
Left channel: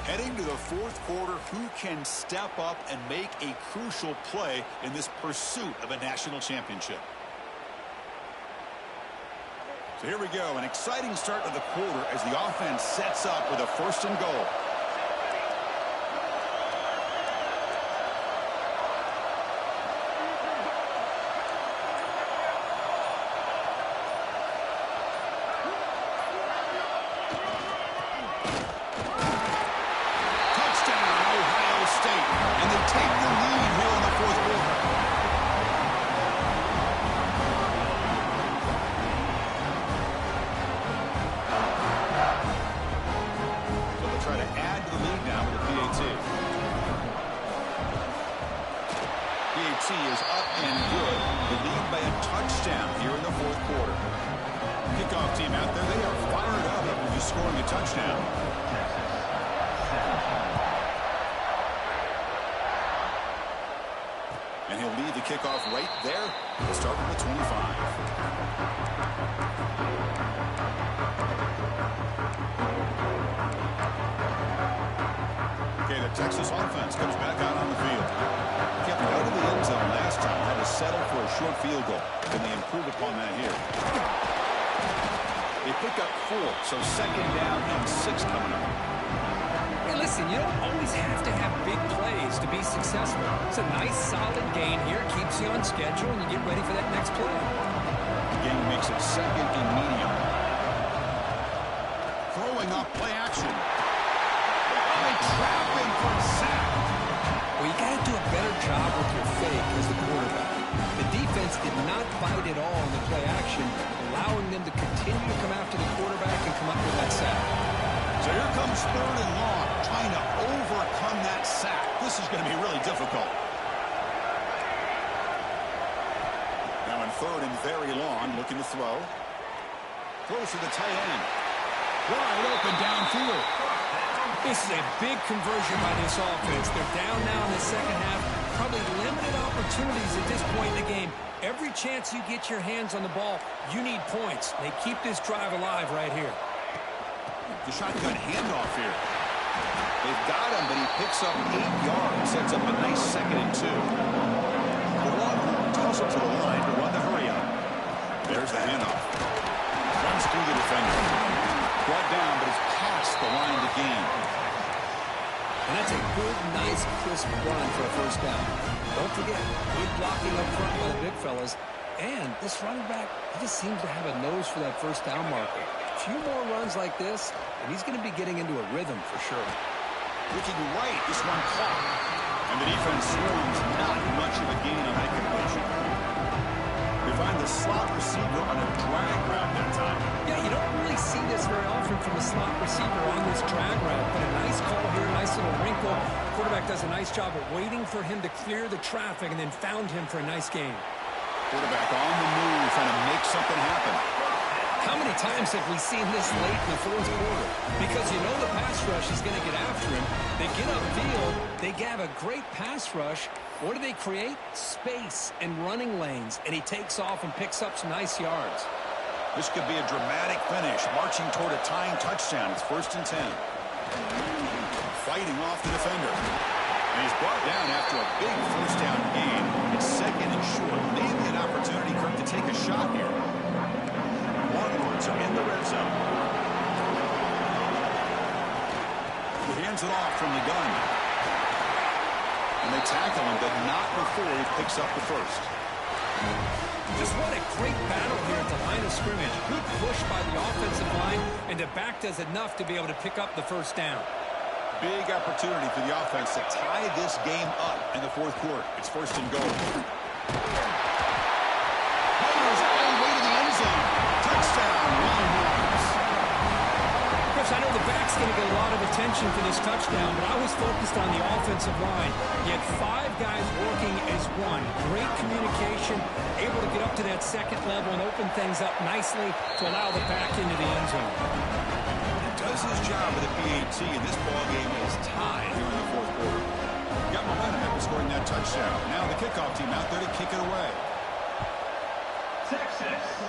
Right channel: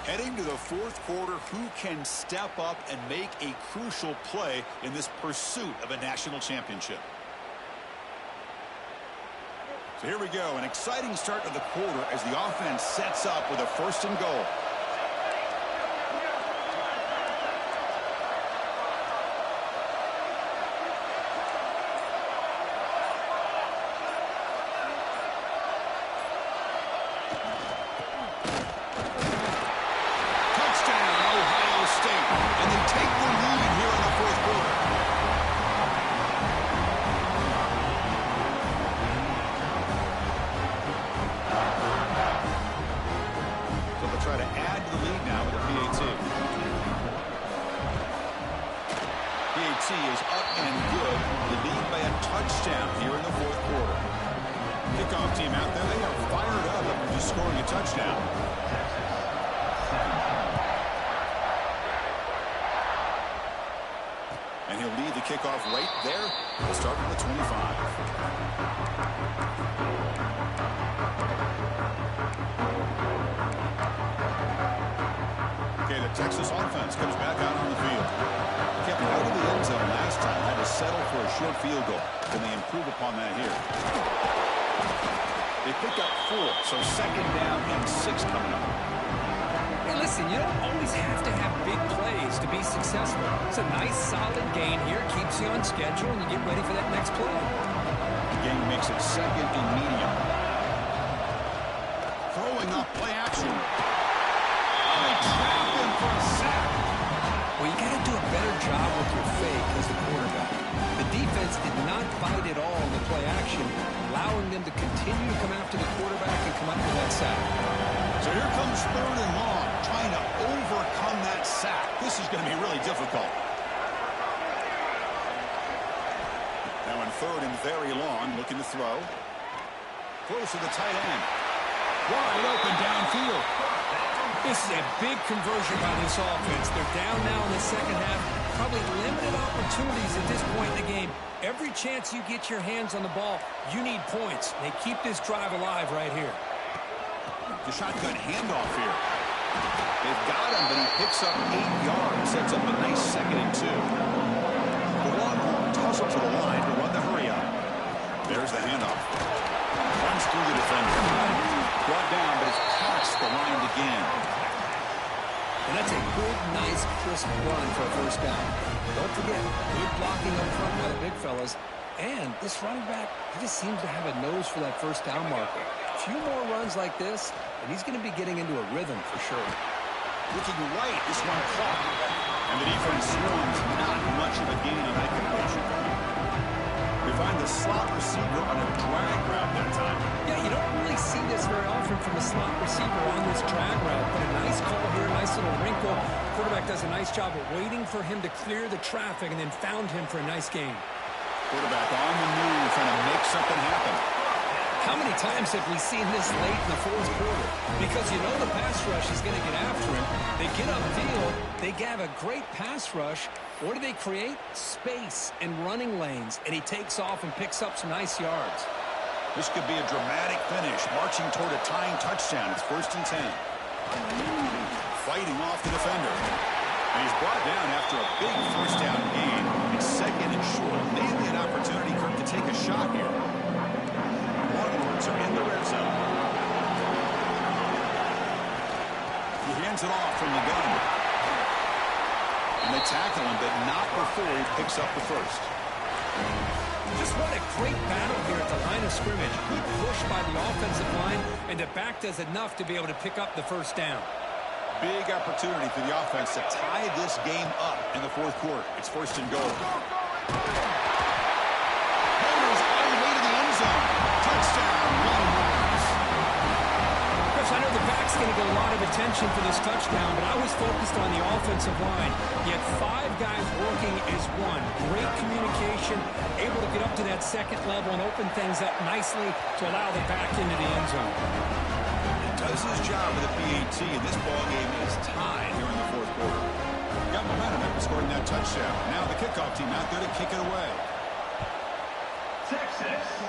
Heading to the 4th quarter, who can step up and make a crucial play in this pursuit of a national championship? So here we go, an exciting start to the quarter as the offense sets up with a 1st and goal. And they take the lead here in the 4th quarter. So they'll try to add to the lead now with a PAT. PAT is up and good. The lead by a touchdown here in the 4th quarter. Kickoff team out there, they are fired up after just scoring a touchdown. And he'll lead the kickoff right there. We'll start from the 25. Okay, the Texas offense comes back out on the field. Kept out of the end zone last time. Had to settle for a short field goal. Can they improve upon that here? They pick up 4, so 2nd down and 6 coming up. Hey, listen, you don't always have to have big plays to be successful. It's a nice, solid gain here. Keeps you on schedule, and you get ready for that next play. The game makes it 2nd and medium. Throwing up play action. Oh, they trap him for a sack. Well, you got to do a better job with your fake as the quarterback. The defense did not bite at all in the play action, allowing them to continue to come after the quarterback and come up with that sack. So here comes 3rd and long, trying to overcome that sack. This is going to be really difficult. Now in 3rd and very long, looking to throw. Throws to the tight end. Wide open downfield. This is a big conversion by this offense. They're down now in the 2nd half. Probably limited opportunities at this point in the game. Every chance you get your hands on the ball, you need points. They keep this drive alive right here. The shotgun handoff here. They've got him, but he picks up 8 yards. Sets up a nice 2nd and 2. The Longhorn tussle to the line to run the hurry up. There's the handoff. Runs through the defender. Brought down, but it's past the line to gain. And that's a good, nice, crisp run for a 1st down. Don't forget, good blocking up front by the big fellas. And this running back, he just seems to have a nose for that 1st down marker. A few more runs like this, and he's going to be getting into a rhythm for sure. Looking right, this one caught. And the defense swarms, not much of a gain on that completion. We find the slot receiver on a drag route that time. Yeah, you don't really see this very often from a slot receiver on this drag route, but a nice call here, nice little wrinkle. The quarterback does a nice job of waiting for him to clear the traffic and then found him for a nice gain. Quarterback on the move, trying to make something happen. How many times have we seen this late in the fourth quarter? Because you know the pass rush is going to get after him. They get upfield. They have a great pass rush. What do they create? Space and running lanes. And he takes off and picks up some nice yards. This could be a dramatic finish, marching toward a tying touchdown. It's 1st and 10. Fighting off the defender. And he's brought down after a big first down gain. It's 2nd and short. Maybe an opportunity, Kirk, to take a shot here. Longhorns are in the red zone. He hands it off from the gun. And they tackle him, but not before he picks up the first. Just what a great battle here at the line of scrimmage. Good push by the offensive line, and the back does enough to be able to pick up the first down. Big opportunity for the offense to tie this game up in the fourth quarter. It's 1st and goal. Motors all the way to the end zone. Touchdown, Longhorns. Chris, I know the back's going to get a lot of attention for this touchdown, but I was focused on the offensive line. You had 5 guys working as one. Great communication, able to get up to that second level and open things up nicely to allow the back into the end zone. Does his job with the PAT, and this ball game is tied here in the fourth quarter. Got momentum after scoring that touchdown. Now the kickoff team out there to kick it away. Texas.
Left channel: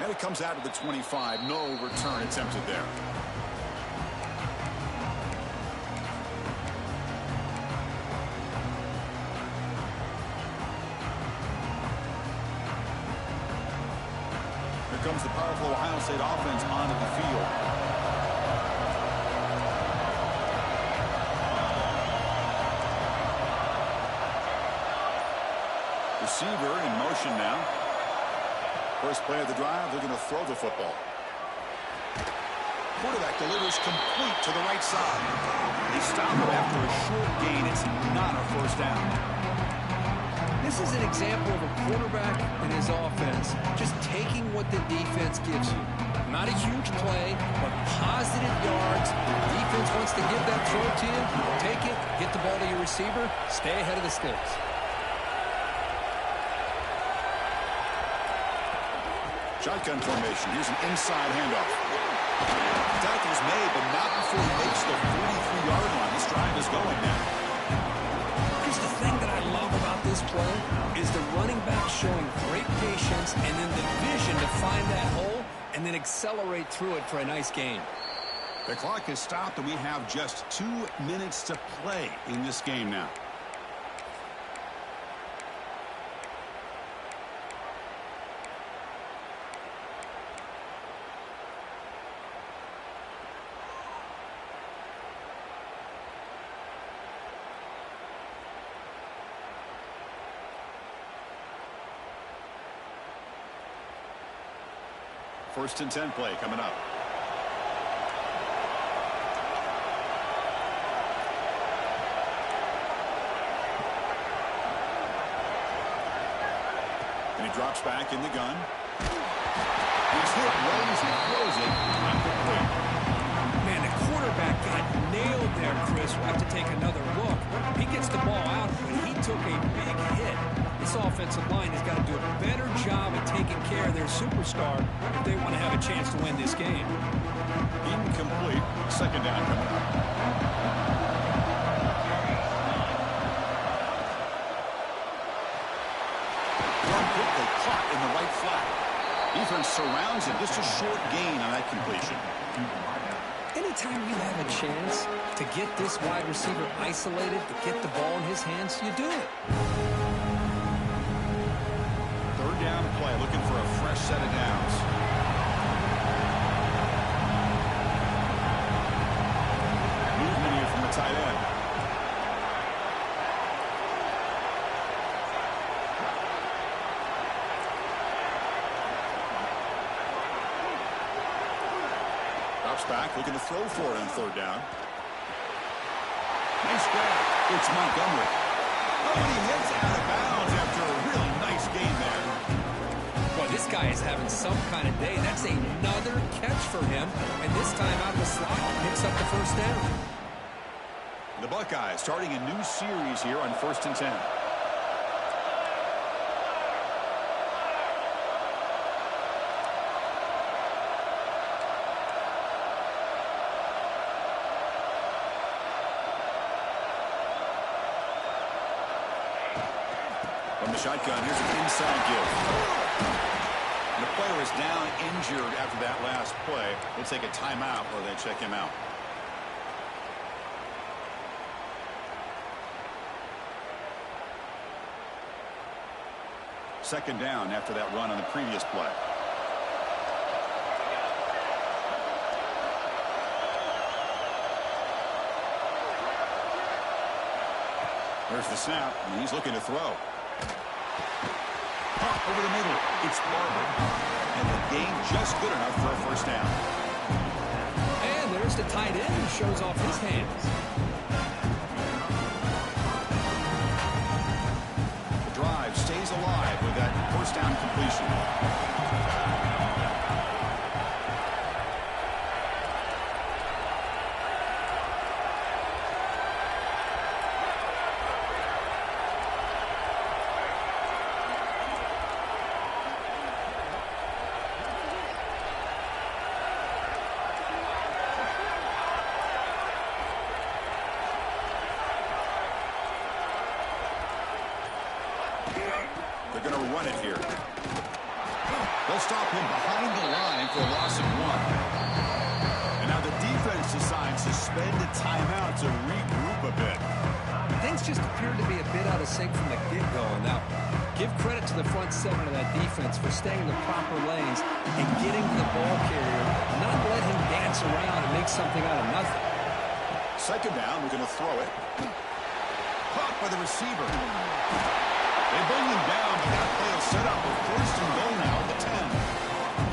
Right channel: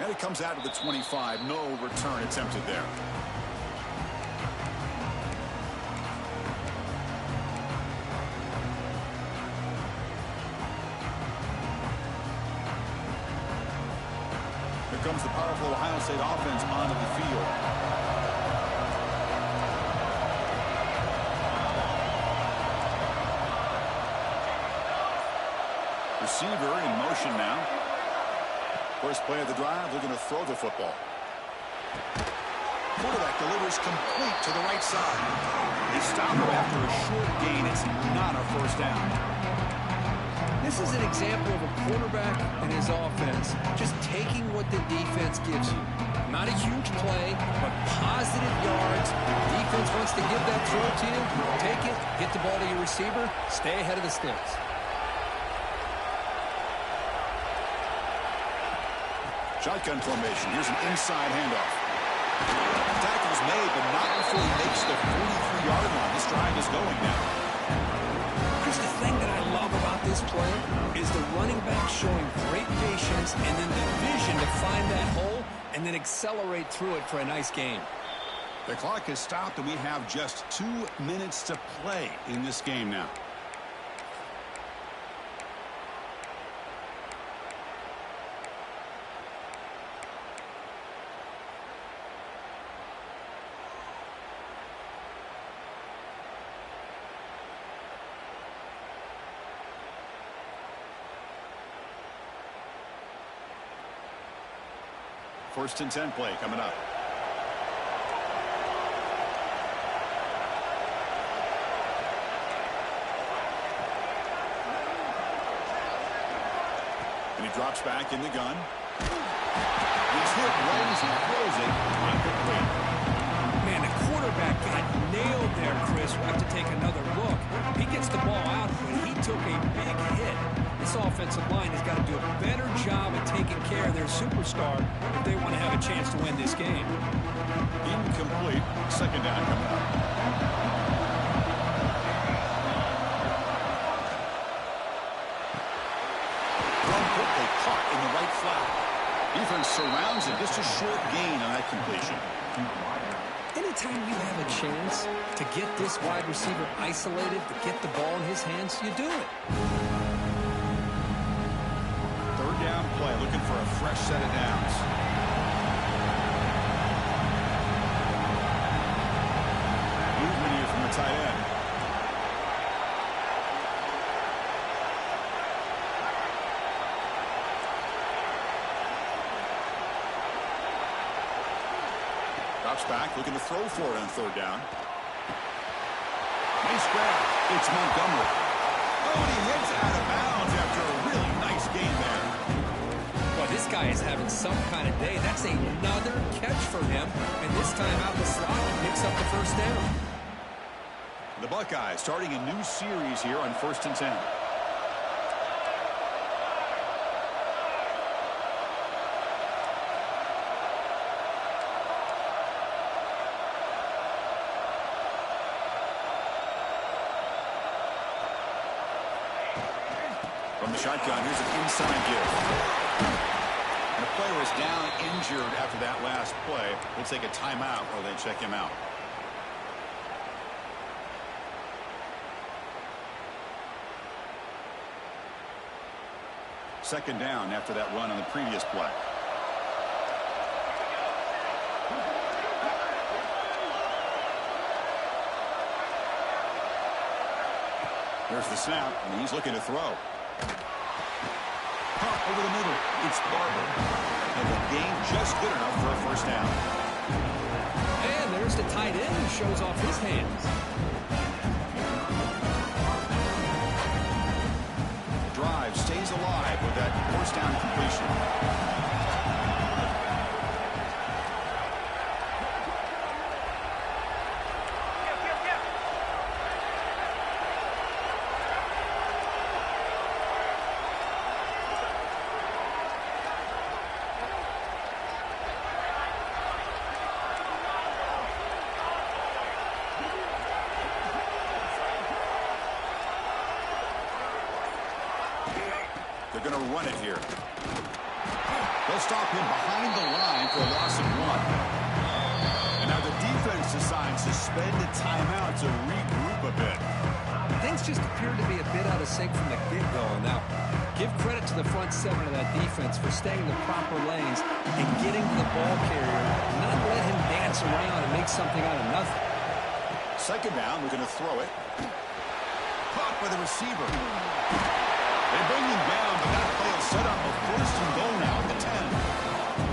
And it comes out of the 25. No return attempted there. Here comes the powerful Ohio State offense onto the field. Receiver in motion now. First play of the drive, looking to throw the football. Quarterback delivers complete to the right side. They stop him after a short gain. It's not a first down. This is an example of a quarterback and his offense just taking what the defense gives you. Not a huge play, but positive yards. The defense wants to give that throw to you. Take it, get the ball to your receiver, stay ahead of the sticks. Shotgun formation. Here's an inside handoff. Tackle's made, but not before he makes the 43-yard line. This drive is going now. Chris, the thing that I love about this play is the running back showing great patience and then the vision to find that hole and then accelerate through it for a nice gain. The clock has stopped, and we have just 2 minutes to play in this game now. First and 10 play coming up. And he drops back in the gun. He's hit right as he throws it. Incomplete. Man, the quarterback got nailed there, Chris. We'll have to take another look. He gets the ball out, but he took a big hit. This offensive line has got to do a better job of taking care of their superstar if they want to have a chance to win this game. Incomplete. Second down coming up. Run quickly, caught in the right flat. Defense surrounds him. Just a short gain on that completion. Anytime you have a chance to get this wide receiver isolated, to get the ball in his hands, you do it. Third down play, looking for a fresh set of downs. Movement here from the tight end. Drops back, looking to throw for it on third down. Nice grab. It's Montgomery. Oh, and he hits out of bounds after a really nice gain there. Well, this guy is having some kind of day. That's another catch for him. And this time out of the slot, he picks up the first down. The Buckeyes starting a new series here on 1st and 10. From the shotgun, here's an inside give. And a player is down injured after that last play. We'll take a timeout or they check him out. Second down after that run on the previous play. There's the snap, and he's looking to throw. Pump over the middle. It's Barber. And the gain just good enough for a first down. And there's the tight end who shows off his hands. The drive stays alive with that first down completion. They're going to run it here. They'll stop him behind the line for a loss of 1. And now the defense decides to spend a timeout to regroup a bit. Things just appeared to be a bit out of sync from the get-go. Now, give credit to the front seven of that defense for staying in the proper lanes and getting to the ball carrier, not let him dance around and make something out of nothing. Second down, we're going to throw it. Caught by the receiver. They bring him down, but that play will set up a first and goal now at the 10.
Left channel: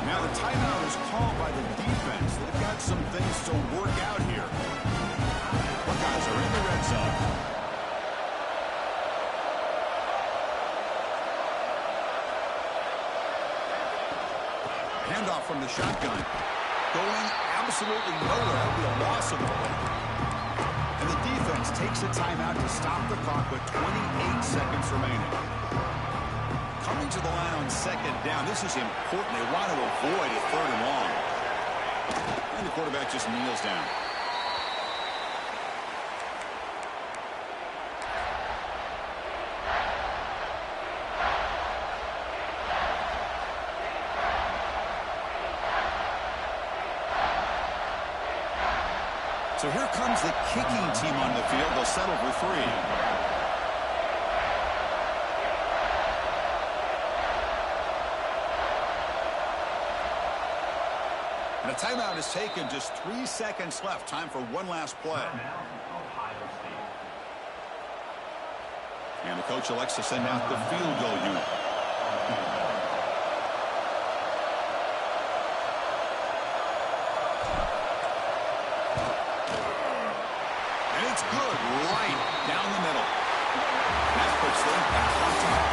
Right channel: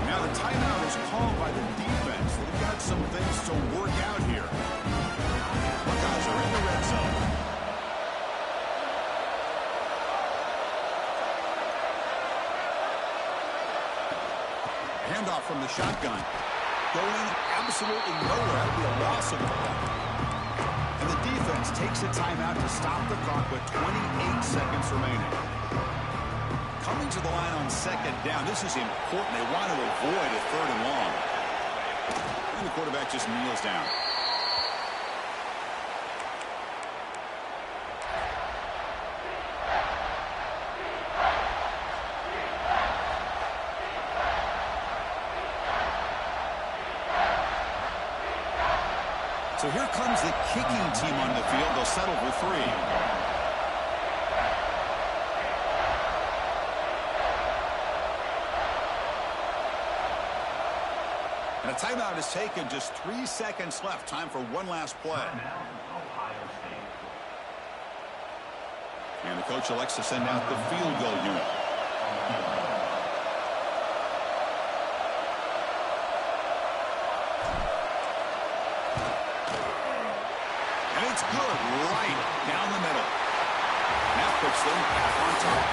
Now the timeout is called by the defense. They've got some things to work out here. Buckeyes are in the red zone. Handoff from the shotgun. Going absolutely nowhere. That'll be a loss of the ball. And the defense takes a timeout to stop the clock with 28 seconds remaining. Coming to the line on second down. This is important. They want to avoid a third and long. And the quarterback just kneels down. So here comes the kicking team on the field. They'll settle for 3. And a timeout is taken. Just 3 seconds left. Time for one last play. And the coach elects to send out the field goal unit. And it's good right down the middle. And that puts them back on top.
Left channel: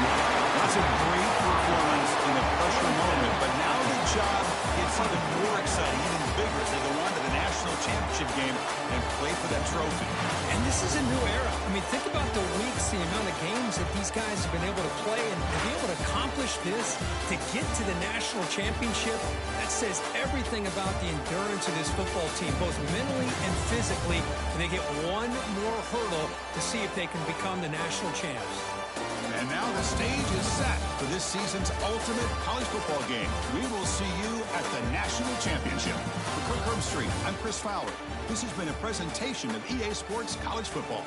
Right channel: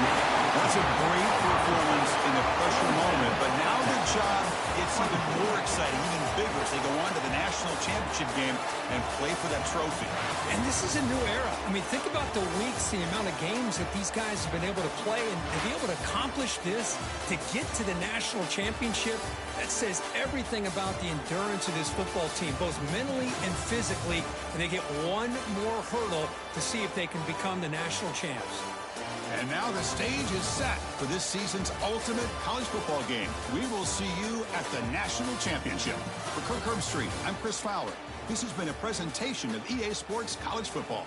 That's a great performance in the pressure moment, but now the job gets even more exciting, even bigger as they go on to the national championship game and play for that trophy. And this is a new era. I mean, think about the weeks, the amount of games that these guys have been able to play, and to be able to accomplish this, to get to the national championship, that says everything about the endurance of this football team, both mentally and physically, and they get one more hurdle to see if they can become the national champs. And now the stage is set for this season's ultimate college football game. We will see you at the national championship. For Kirk Herbstreit, I'm Chris Fowler. This has been a presentation of EA Sports College Football.